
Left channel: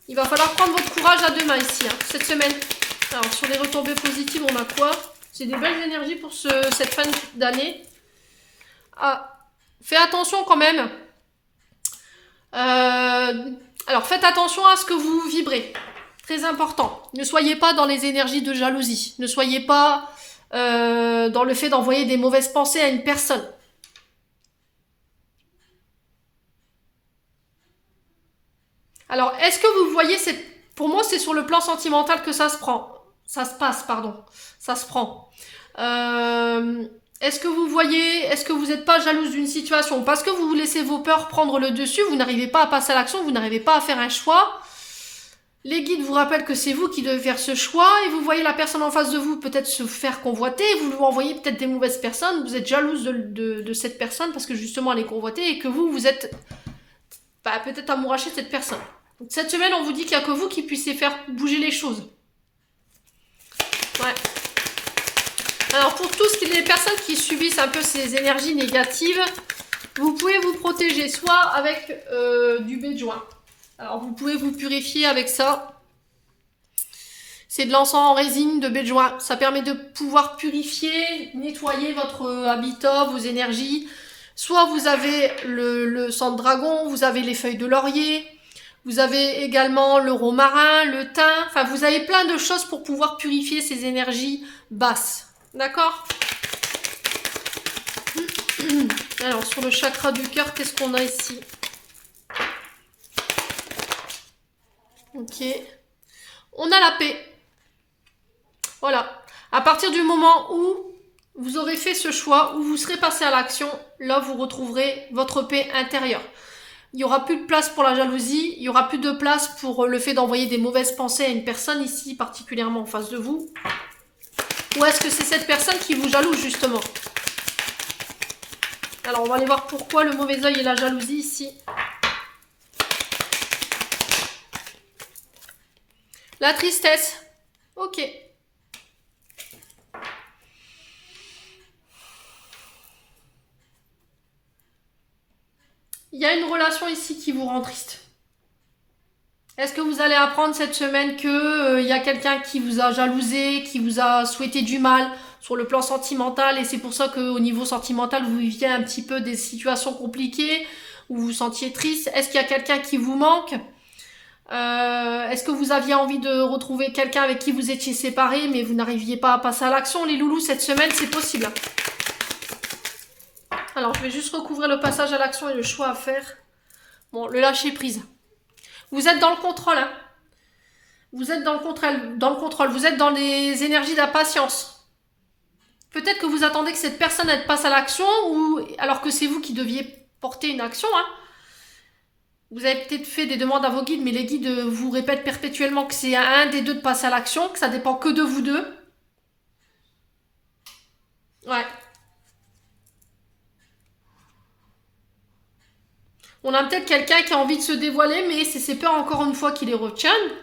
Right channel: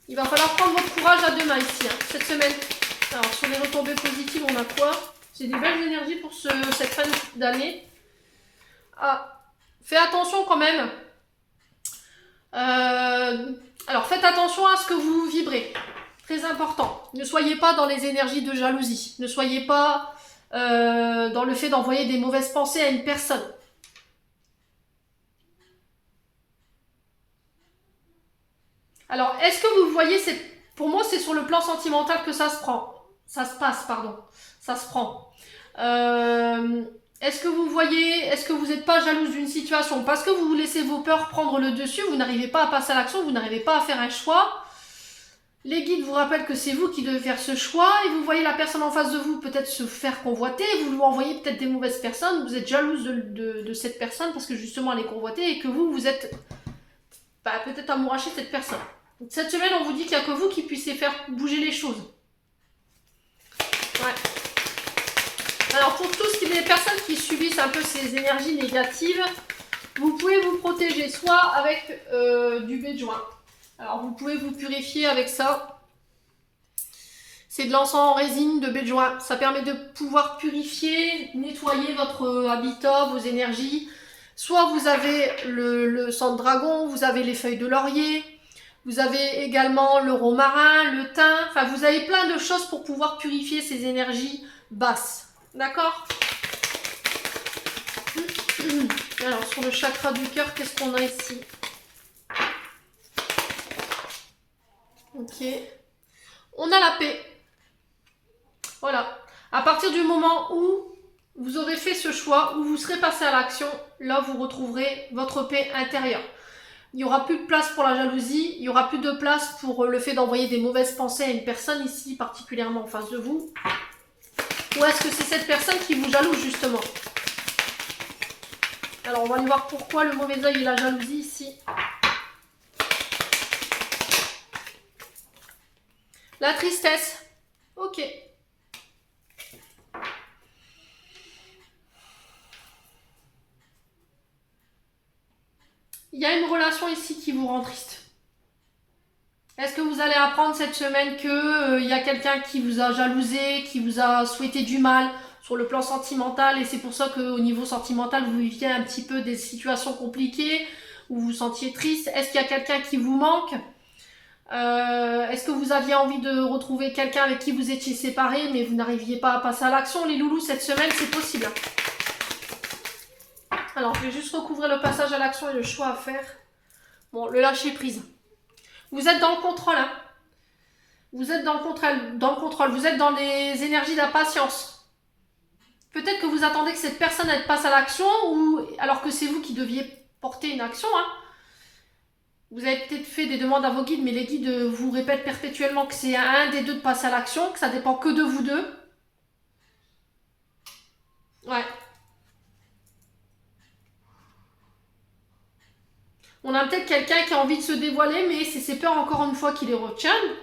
Il va falloir prendre votre courage à deux mains ici, hein, cette semaine. Alors, sur les retombées positives, on a quoi? C'est des belles énergies pour cette fin d'année. Ah, faites attention quand même. Alors, faites attention à ce que vous vibrez. Très important. Ne soyez pas dans les énergies de jalousie. Ne soyez pas dans le fait d'envoyer des mauvaises pensées à une personne. Alors, est-ce que vous voyez Pour moi, c'est sur le plan sentimental que ça se prend. Ça se passe, pardon. Ça se prend. Est-ce que vous voyez, est-ce que vous n'êtes pas jalouse d'une situation? Parce que vous laissez vos peurs prendre le dessus, vous n'arrivez pas à passer à l'action, vous n'arrivez pas à faire un choix. Les guides vous rappellent que c'est vous qui devez faire ce choix et vous voyez la personne en face de vous peut-être se faire convoiter, vous lui envoyez peut-être des mauvaises personnes, vous êtes jalouse de cette personne parce que justement elle est convoitée et que vous êtes peut-être amouraché de cette personne. Donc cette semaine on vous dit qu'il n'y a que vous qui puissiez faire bouger les choses. Ouais. Alors pour tous les personnes qui subissent un peu ces énergies négatives, vous pouvez vous protéger soit avec du baie de joint. Alors vous pouvez vous purifier avec ça. C'est de l'encens en résine de baie de joint. Ça permet de pouvoir purifier, nettoyer votre habitat, vos énergies. Soit vous avez le sang de dragon, vous avez les feuilles de laurier, vous avez également le romarin, le thym. Enfin, vous avez plein de choses pour pouvoir purifier ces énergies basses. D'accord ? Alors, sur le chakra du cœur, qu'est-ce qu'on a ici ? Ok. On a la paix. Voilà. À partir du moment où vous aurez fait ce choix, où vous serez passé à l'action, là, vous retrouverez votre paix intérieure. Il n'y aura plus de place pour la jalousie, il n'y aura plus de place pour le fait d'envoyer des mauvaises pensées à une personne ici, particulièrement en face de vous. Ou est-ce que c'est cette personne qui vous jalouse, justement ? Alors, on va aller voir pourquoi le mauvais œil et la jalousie ici. La tristesse. Ok. Il y a une relation ici qui vous rend triste. Est-ce que vous allez apprendre cette semaine que y a quelqu'un qui vous a jalousé, qui vous a souhaité du mal sur le plan sentimental et c'est pour ça qu'au niveau sentimental, vous viviez un petit peu des situations compliquées, où vous vous sentiez triste? Est-ce qu'il y a quelqu'un qui vous manque? Est-ce que vous aviez envie de retrouver quelqu'un avec qui vous étiez séparés, mais vous n'arriviez pas à passer à l'action? Les loulous, cette semaine, c'est possible. Alors, je vais juste recouvrir le passage à l'action et le choix à faire. Bon, le lâcher prise. Vous êtes dans le contrôle, hein. Vous êtes dans le contrôle. Vous êtes dans les énergies d'impatience. Peut-être que vous attendez que cette personne elle passe à l'action, ou alors que c'est vous qui deviez porter une action, hein. Vous avez peut-être fait des demandes à vos guides, mais les guides vous répètent perpétuellement que c'est à un des deux de passer à l'action, que ça dépend que de vous deux. Ouais. On a peut-être quelqu'un qui a envie de se dévoiler, mais c'est ses peurs encore une fois qui les retiennent.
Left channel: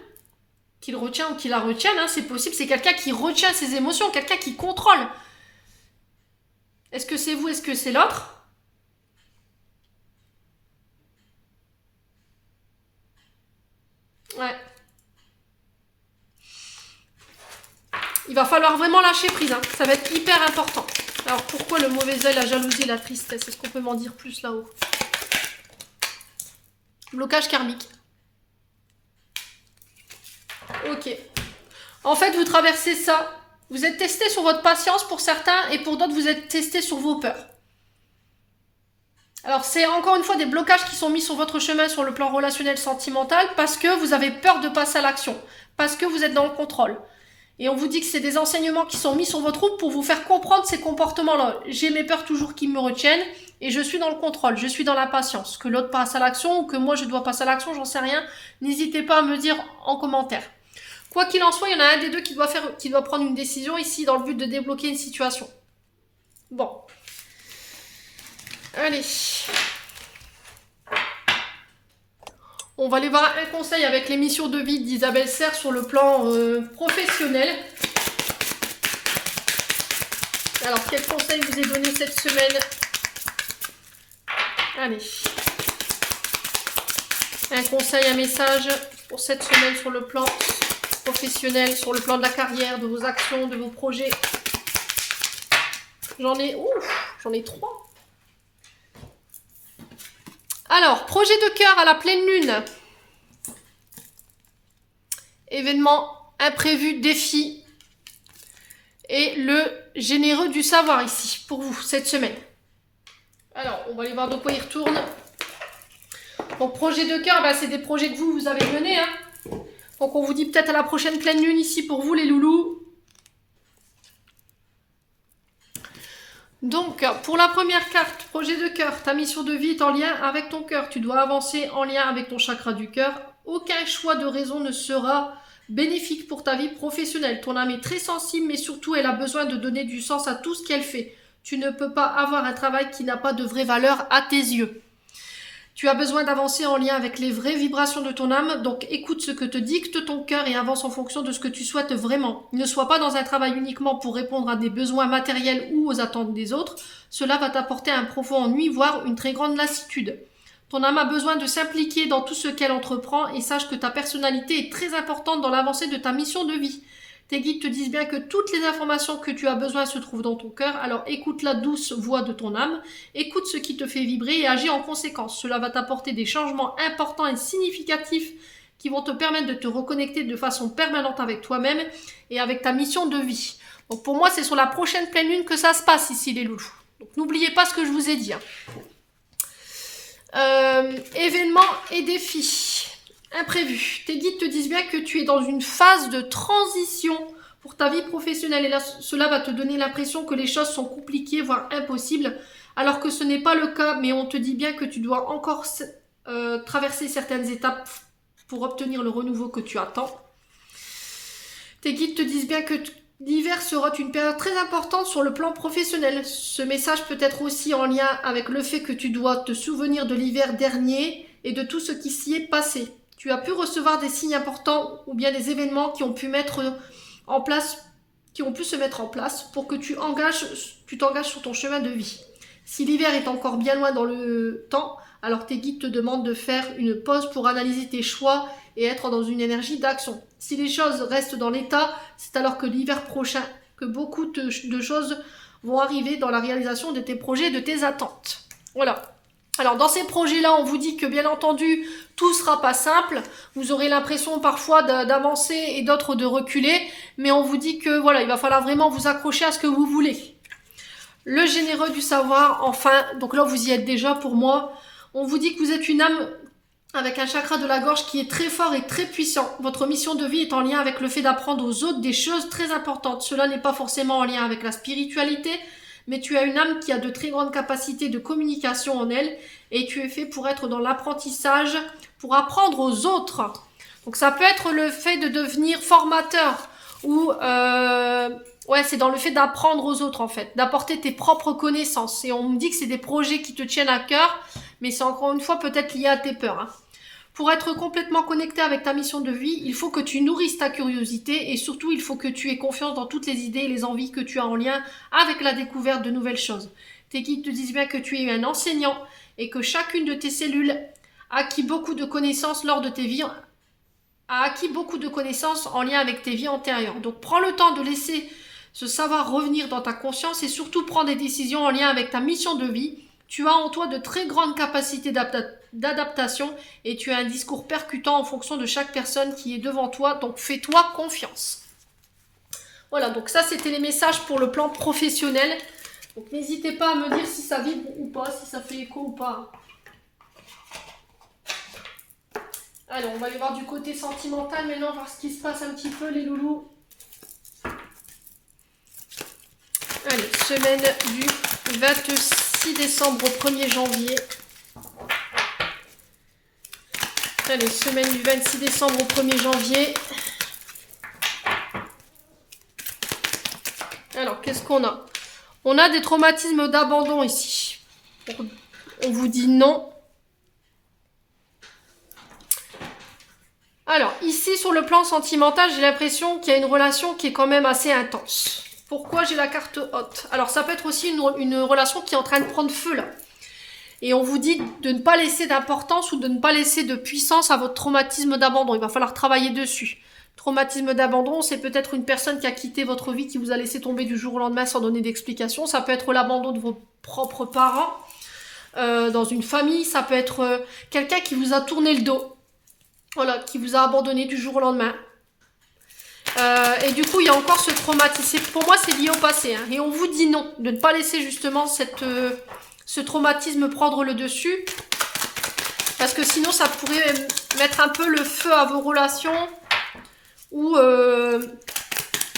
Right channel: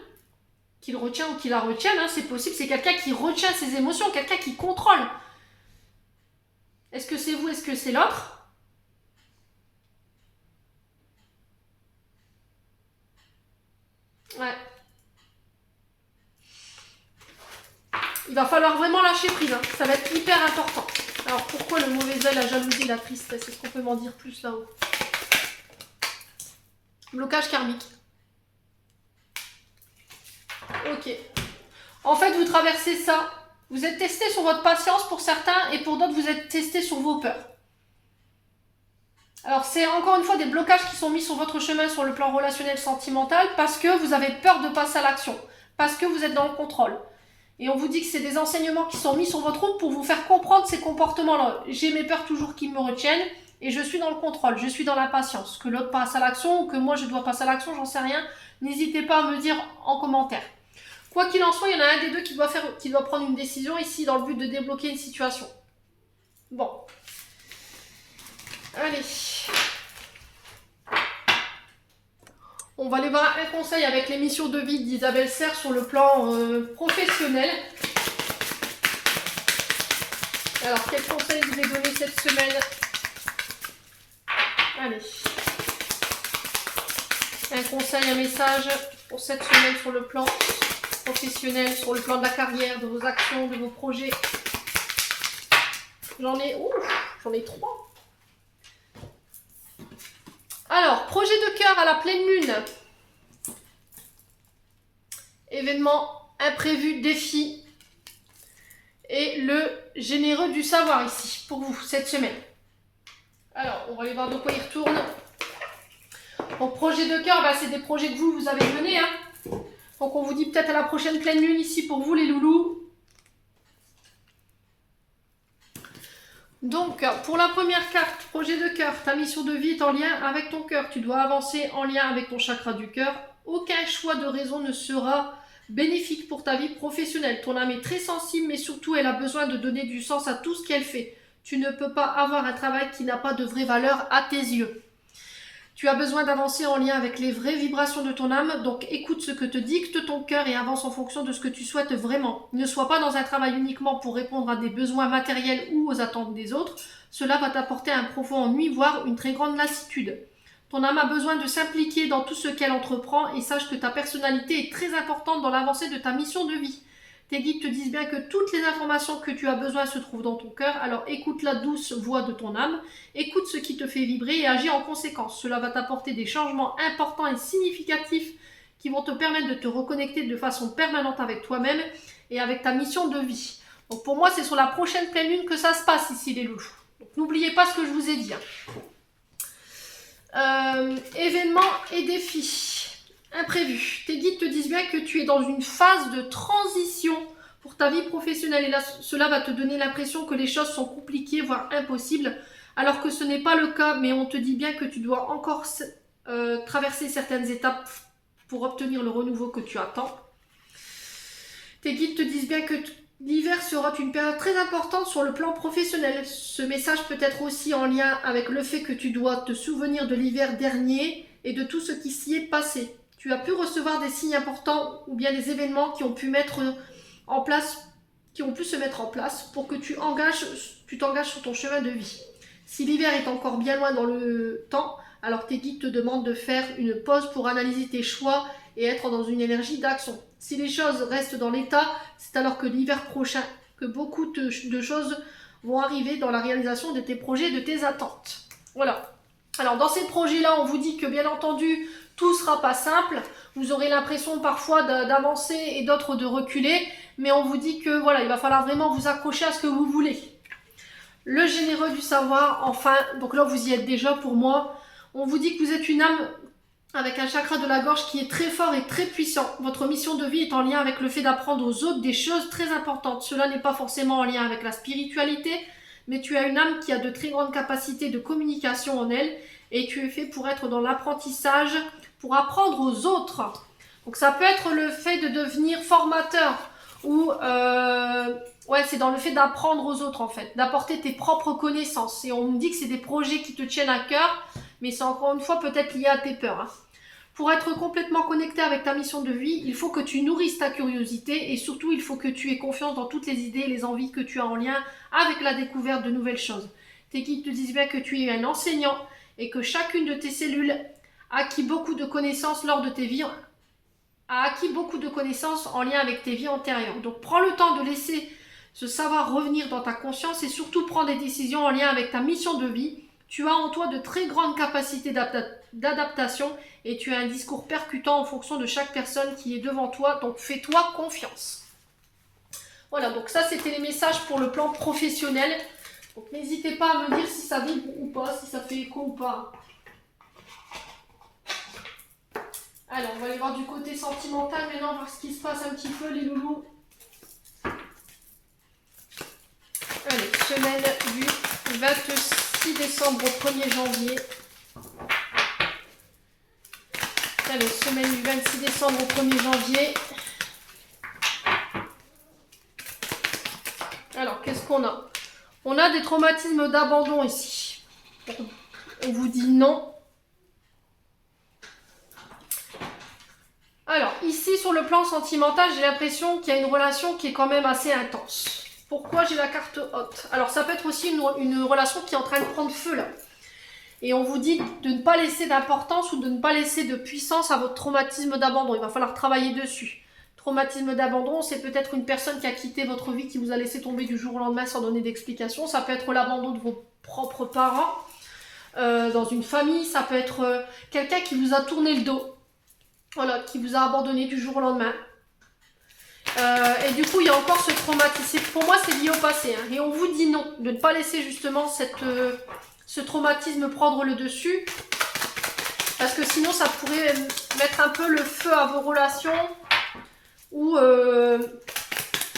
Qu'il retient ou qu'il la retienne, hein, c'est possible. C'est quelqu'un qui retient ses émotions, quelqu'un qui contrôle. Est-ce que c'est vous, est-ce que c'est l'autre? Ouais. Il va falloir vraiment lâcher prise, hein. Ça va être hyper important. Alors pourquoi le mauvais œil, la jalousie, la tristesse? Est-ce qu'on peut m'en dire plus là-haut? Blocage karmique. Ok. En fait, vous traversez ça. Vous êtes testé sur votre patience pour certains et pour d'autres, vous êtes testé sur vos peurs. Alors, c'est encore une fois des blocages qui sont mis sur votre chemin sur le plan relationnel sentimental parce que vous avez peur de passer à l'action, parce que vous êtes dans le contrôle. Et on vous dit que c'est des enseignements qui sont mis sur votre route pour vous faire comprendre ces comportements-là. J'ai mes peurs toujours qui me retiennent et je suis dans le contrôle, je suis dans la patience. Que l'autre passe à l'action ou que moi je dois passer à l'action, j'en sais rien. N'hésitez pas à me dire en commentaire. Quoi qu'il en soit, il y en a un des deux qui doit prendre une décision ici dans le but de débloquer une situation. Bon. Allez. On va aller voir un conseil avec l'émission de vie d'Isabelle Serre sur le plan professionnel. Alors, quel conseil vous est donné cette semaine? Allez. Un conseil, un message pour cette semaine sur le plan professionnel, sur le plan de la carrière, de vos actions, de vos projets. J'en ai 3. Alors, projet de cœur à la pleine lune. Événement imprévu, défi. Et le généreux du savoir ici, pour vous, cette semaine. Alors, on va aller voir de quoi il retourne. Donc, projet de cœur, c'est des projets que vous avez menés, hein. Donc, on vous dit peut-être à la prochaine pleine lune ici pour vous, les loulous. Donc, pour la première carte, projet de cœur, ta mission de vie est en lien avec ton cœur. Tu dois avancer en lien avec ton chakra du cœur. aucun choix de raison ne sera bénéfique pour ta vie professionnelle. Ton âme est très sensible, mais surtout elle a besoin de donner du sens à tout ce qu'elle fait. Tu ne peux pas avoir un travail qui n'a pas de vraie valeur à tes yeux. Tu as besoin d'avancer en lien avec les vraies vibrations de ton âme, donc écoute ce que te dicte ton cœur et avance en fonction de ce que tu souhaites vraiment. Ne sois pas dans un travail uniquement pour répondre à des besoins matériels ou aux attentes des autres. Cela va t'apporter un profond ennui, voire une très grande lassitude. Ton âme a besoin de s'impliquer dans tout ce qu'elle entreprend et sache que ta personnalité est très importante dans l'avancée de ta mission de vie. Tes guides te disent bien que toutes les informations que tu as besoin se trouvent dans ton cœur, alors écoute la douce voix de ton âme, écoute ce qui te fait vibrer et agis en conséquence. Cela va t'apporter des changements importants et significatifs qui vont te permettre de te reconnecter de façon permanente avec toi-même et avec ta mission de vie. Donc pour moi, c'est sur la prochaine pleine lune que ça se passe ici les loulous. Donc n'oubliez pas ce que je vous ai dit. Événements et défis. Imprévu. Tes guides te disent bien que tu es dans une phase de transition pour ta vie professionnelle et là, cela va te donner l'impression que les choses sont compliquées, voire impossibles, alors que ce n'est pas le cas, mais on te dit bien que tu dois encore traverser certaines étapes pour obtenir le renouveau que tu attends. Tes guides te disent bien que l'hiver sera une période très importante sur le plan professionnel. Ce message peut être aussi en lien avec le fait que tu dois te souvenir de l'hiver dernier et de tout ce qui s'y est passé. Tu as pu recevoir des signes importants ou bien des événements qui ont pu se mettre en place pour que tu t'engages sur ton chemin de vie. Si l'hiver est encore bien loin dans le temps, alors tes guides te demandent de faire une pause pour analyser tes choix et être dans une énergie d'action. Si les choses restent dans l'état, c'est alors que l'hiver prochain, que beaucoup de choses vont arriver dans la réalisation de tes projets et de tes attentes. Voilà. Alors dans ces projets-là, on vous dit que bien entendu, tout ne sera pas simple. Vous aurez l'impression parfois d'avancer et d'autres de reculer. Mais on vous dit que voilà, il va falloir vraiment vous accrocher à ce que vous voulez. Le généreux du savoir, enfin, donc là vous y êtes déjà pour moi. On vous dit que vous êtes une âme avec un chakra de la gorge qui est très fort et très puissant. Votre mission de vie est en lien avec le fait d'apprendre aux autres des choses très importantes. Cela n'est pas forcément en lien avec la spiritualité, mais tu as une âme qui a de très grandes capacités de communication en elle et tu es fait pour être dans l'apprentissage, pour apprendre aux autres. Donc ça peut être le fait de devenir formateur ou c'est dans le fait d'apprendre aux autres en fait, d'apporter tes propres connaissances. Et on me dit que c'est des projets qui te tiennent à cœur, mais c'est encore une fois peut-être lié à tes peurs. Pour être complètement connecté avec ta mission de vie, il faut que tu nourrisses ta curiosité et surtout il faut que tu aies confiance dans toutes les idées et les envies que tu as en lien avec la découverte de nouvelles choses. Tes guides te disent bien que tu es un enseignant et que chacune de tes cellules a acquis beaucoup de connaissances lors de tes vies, a acquis beaucoup de connaissances en lien avec tes vies antérieures. Donc prends le temps de laisser ce savoir revenir dans ta conscience et surtout prends des décisions en lien avec ta mission de vie. Tu as en toi de très grandes capacités d'adaptation et tu as un discours percutant en fonction de chaque personne qui est devant toi, donc fais-toi confiance. Voilà, donc ça c'était les messages pour le plan professionnel. Donc n'hésitez pas à me dire si ça vibre ou pas, si ça fait écho ou pas. Allez, on va aller voir du côté sentimental maintenant, voir ce qui se passe un petit peu les loulous. Allez, semaine du 26 décembre au 1er janvier. Allez, semaine du 26 décembre au 1er janvier. Alors, qu'est-ce qu'on a? On a des traumatismes d'abandon ici. On vous dit non. Alors, ici, sur le plan sentimental, j'ai l'impression qu'il y a une relation qui est quand même assez intense. Pourquoi j'ai la carte haute? Alors, ça peut être aussi une relation qui est en train de prendre feu, là. Et on vous dit de ne pas laisser d'importance ou de ne pas laisser de puissance à votre traumatisme d'abandon. Il va falloir travailler dessus. Traumatisme d'abandon, c'est peut-être une personne qui a quitté votre vie, qui vous a laissé tomber du jour au lendemain sans donner d'explication. Ça peut être l'abandon de vos propres parents dans une famille. Ça peut être quelqu'un qui vous a tourné le dos. Voilà, qui vous a abandonné du jour au lendemain. Et du coup, il y a encore ce traumatisme. Pour moi, c'est lié au passé. Et on vous dit non, de ne pas laisser justement ce traumatisme prendre le dessus. Parce que sinon, ça pourrait mettre un peu le feu à vos relations. Ou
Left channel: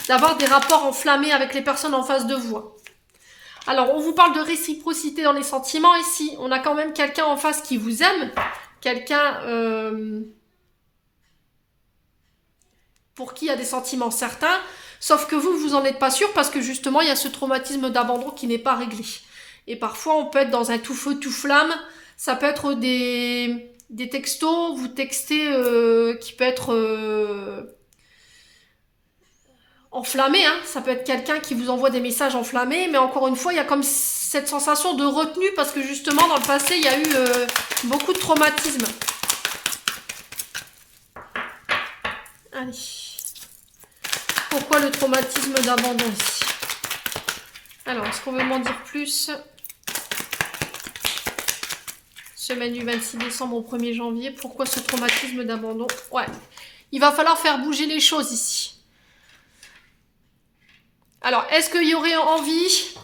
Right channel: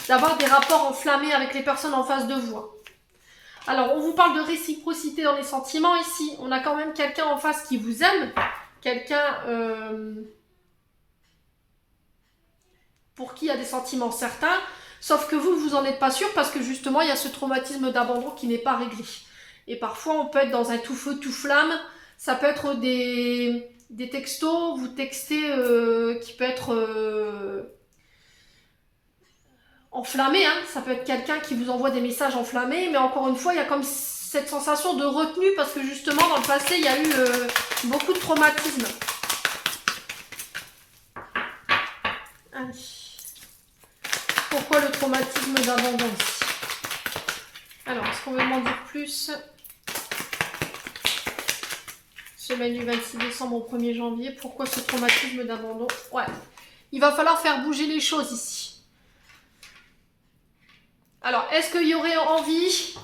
d'avoir des rapports enflammés avec les personnes en face de vous. Alors, on vous parle de réciprocité dans les sentiments ici. On a quand même quelqu'un en face qui vous aime. Quelqu'un pour qui il y a des sentiments certains, sauf que vous en êtes pas sûr parce que justement, il y a ce traumatisme d'abandon qui n'est pas réglé. Et parfois, on peut être dans un tout feu, tout flamme. Ça peut être des textos, vous textez qui peut être enflammé, hein. Ça peut être quelqu'un qui vous envoie des messages enflammés, mais encore une fois, il y a comme cette sensation de retenue parce que justement, dans le passé, il y a eu beaucoup de traumatisme. Allez. Pourquoi le traumatisme d'abandon ici? Alors, est-ce qu'on veut m'en dire plus? Semaine du 26 décembre au 1er janvier. Pourquoi ce traumatisme d'abandon? Ouais. Il va falloir faire bouger les choses ici. Alors, est-ce qu'il y aurait envie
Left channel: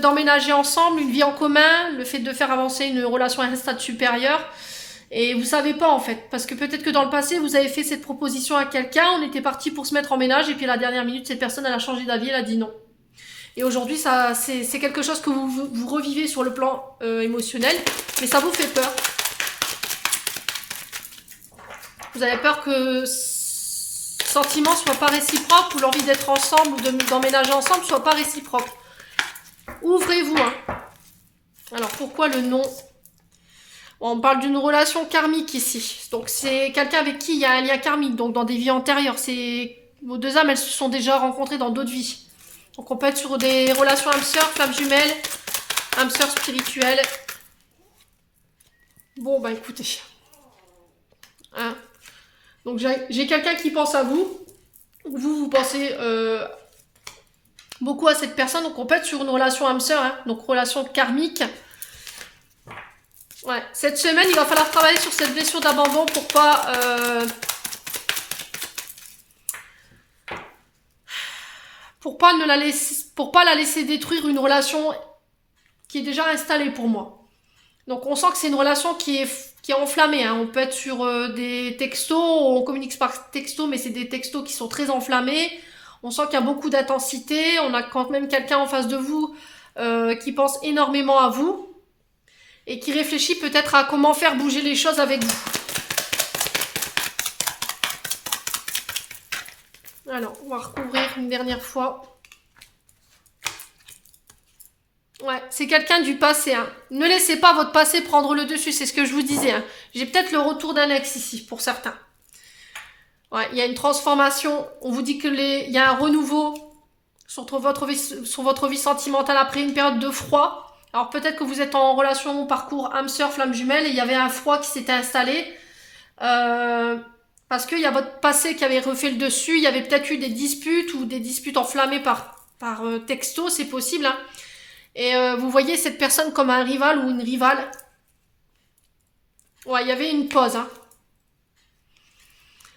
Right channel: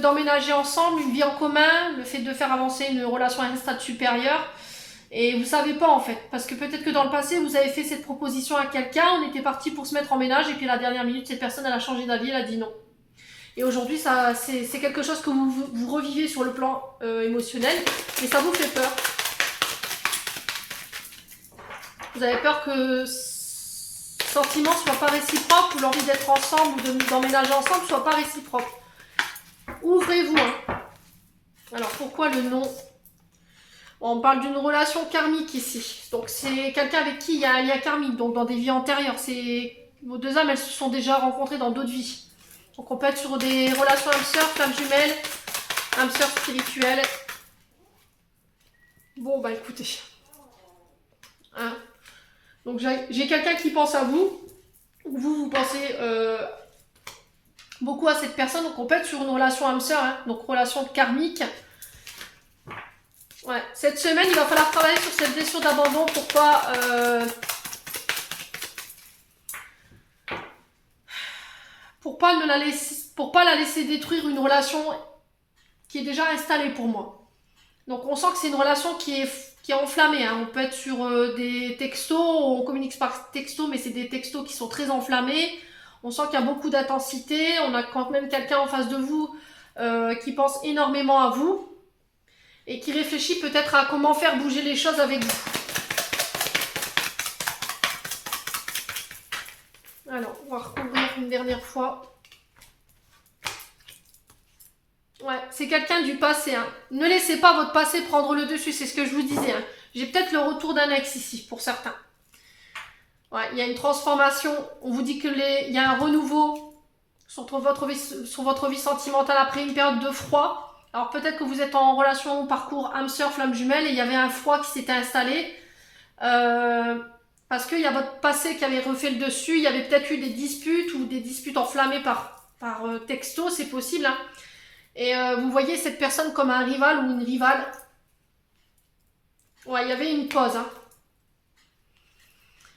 d'emménager ensemble, une vie en commun, le fait de faire avancer une relation à un stade supérieur? Et vous savez pas en fait, parce que peut-être que dans le passé, vous avez fait cette proposition à quelqu'un, on était parti pour se mettre en ménage, et puis à la dernière minute, cette personne, elle a changé d'avis, elle a dit non. Et aujourd'hui, c'est quelque chose que vous revivez sur le plan émotionnel, mais ça vous fait peur. Vous avez peur que sentiment soit pas réciproque, ou l'envie d'être ensemble ou d'emménager ensemble soit pas réciproque. Ouvrez-vous. Hein. Alors pourquoi le non? On parle d'une relation karmique ici. Donc c'est quelqu'un avec qui il y a un lien karmique, donc dans des vies antérieures. Vos deux âmes, elles se sont déjà rencontrées dans d'autres vies. Donc on peut être sur des relations âme-sœur, flamme jumelle, âme-sœur spirituelle. Bon bah écoutez. Hein. Donc j'ai quelqu'un qui pense à vous. Vous pensez beaucoup à cette personne. Donc on peut être sur une relation âme-sœur, hein, donc relation karmique. Ouais. Cette semaine, il va falloir travailler sur cette blessure d'abandon pour pas la laisser détruire une relation qui est déjà installée pour moi. Donc on sent que c'est une relation qui est enflammée. Hein. On peut être sur des textos, on communique par texto, mais c'est des textos qui sont très enflammés. On sent qu'il y a beaucoup d'intensité. On a quand même quelqu'un en face de vous qui pense énormément à vous et qui réfléchit peut-être à comment faire bouger les choses avec vous. Alors, on va recouvrir une dernière fois. Ouais, c'est quelqu'un du passé. Hein. Ne laissez pas votre passé prendre le dessus, c'est ce que je vous disais. Hein. J'ai peut-être le retour d'un ex ici, pour certains. Ouais, il y a une transformation. On vous dit qu'il y a un renouveau sur votre vie sentimentale après une période de froid. Alors peut-être que vous êtes en relation, parcours âme-sœur, flamme jumelle, et il y avait un froid qui s'était installé. Parce qu'il y a votre passé qui avait refait le dessus. Il y avait peut-être eu des disputes ou des disputes enflammées par texto, c'est possible. Hein. Et vous voyez cette personne comme un rival ou une rivale. Ouais, il y avait une pause. Hein.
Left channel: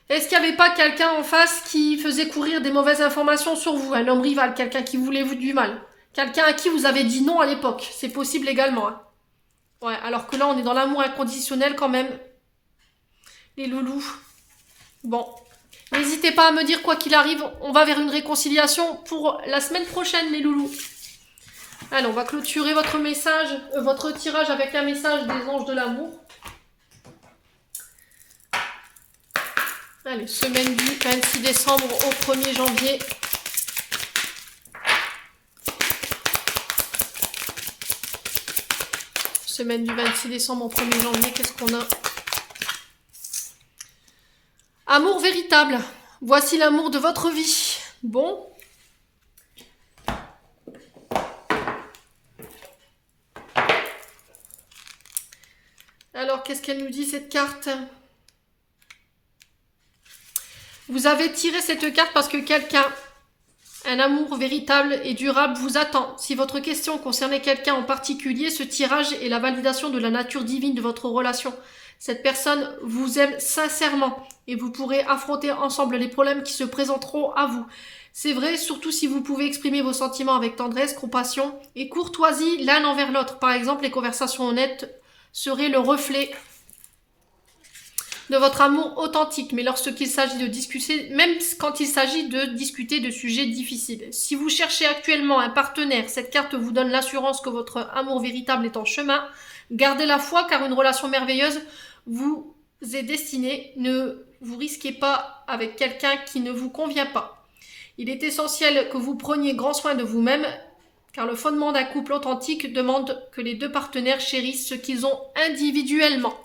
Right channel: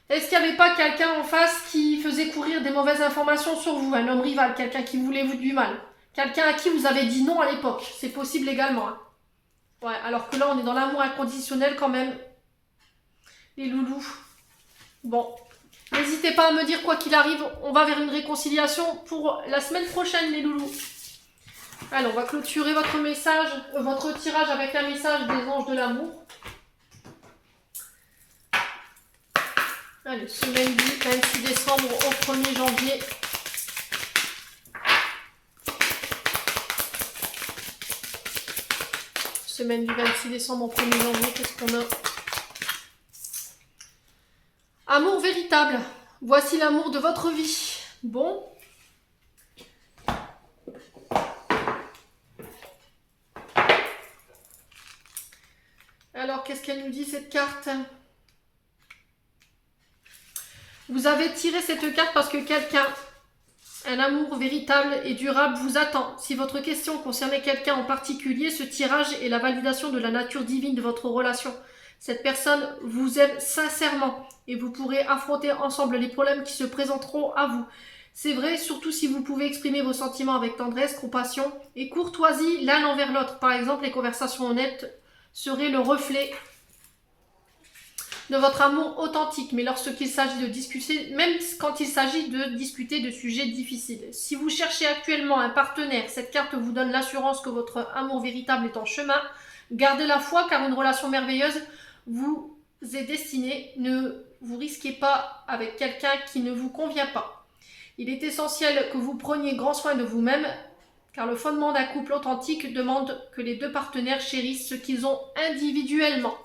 Est-ce qu'il n'y avait pas quelqu'un en face qui faisait courir des mauvaises informations sur vous? Un homme rival, quelqu'un qui voulait vous du mal. Quelqu'un à qui vous avez dit non à l'époque. C'est possible également. Hein. Ouais, alors que là, on est dans l'amour inconditionnel quand même. Les loulous. Bon. N'hésitez pas à me dire quoi qu'il arrive. On va vers une réconciliation pour la semaine prochaine, les loulous. Allez, on va clôturer votre message, votre tirage avec un message des anges de l'amour. Allez, semaine du 26 décembre au 1er janvier. Semaine du 26 décembre au 1er janvier, qu'est-ce qu'on a? Amour véritable. Voici l'amour de votre vie. Bon. Alors, qu'est-ce qu'elle nous dit, cette carte? Vous avez tiré cette carte parce que quelqu'un, un amour véritable et durable vous attend. Si votre question concernait quelqu'un en particulier, ce tirage est la validation de la nature divine de votre relation. Cette personne vous aime sincèrement et vous pourrez affronter ensemble les problèmes qui se présenteront à vous. C'est vrai, surtout si vous pouvez exprimer vos sentiments avec tendresse, compassion et courtoisie l'un envers l'autre. Par exemple, les conversations honnêtes seraient le reflet de votre amour authentique, mais lorsqu'il s'agit de discuter, même quand il s'agit de discuter de sujets difficiles. Si vous cherchez actuellement un partenaire, cette carte vous donne l'assurance que votre amour véritable est en chemin. Gardez la foi car une relation merveilleuse vous est destinée. Ne vous risquez pas avec quelqu'un qui ne vous convient pas. Il est essentiel que vous preniez grand soin de vous-même, car le fondement d'un couple authentique demande que les deux partenaires chérissent ce qu'ils ont individuellement.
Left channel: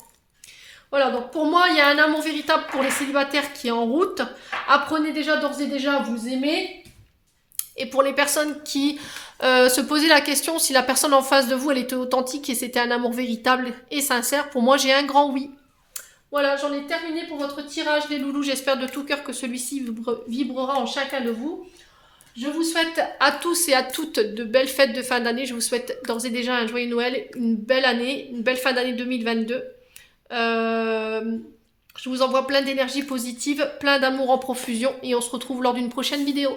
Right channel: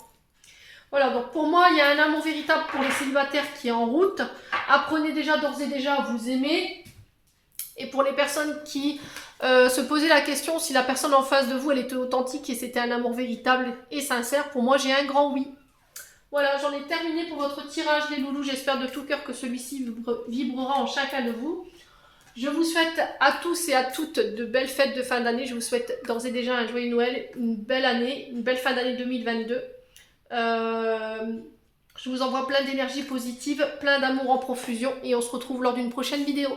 Voilà, donc pour moi, il y a un amour véritable pour les célibataires qui est en route. Apprenez déjà d'ores et déjà à vous aimer. Et pour les personnes qui se posaient la question si la personne en face de vous, elle était authentique et c'était un amour véritable et sincère, pour moi, j'ai un grand oui. Voilà, j'en ai terminé pour votre tirage, les loulous. J'espère de tout cœur que celui-ci vibrera en chacun de vous. Je vous souhaite à tous et à toutes de belles fêtes de fin d'année. Je vous souhaite d'ores et déjà un joyeux Noël, une belle année, une belle fin d'année 2022. Je vous envoie plein d'énergie positive, plein d'amour en profusion et on se retrouve lors d'une prochaine vidéo.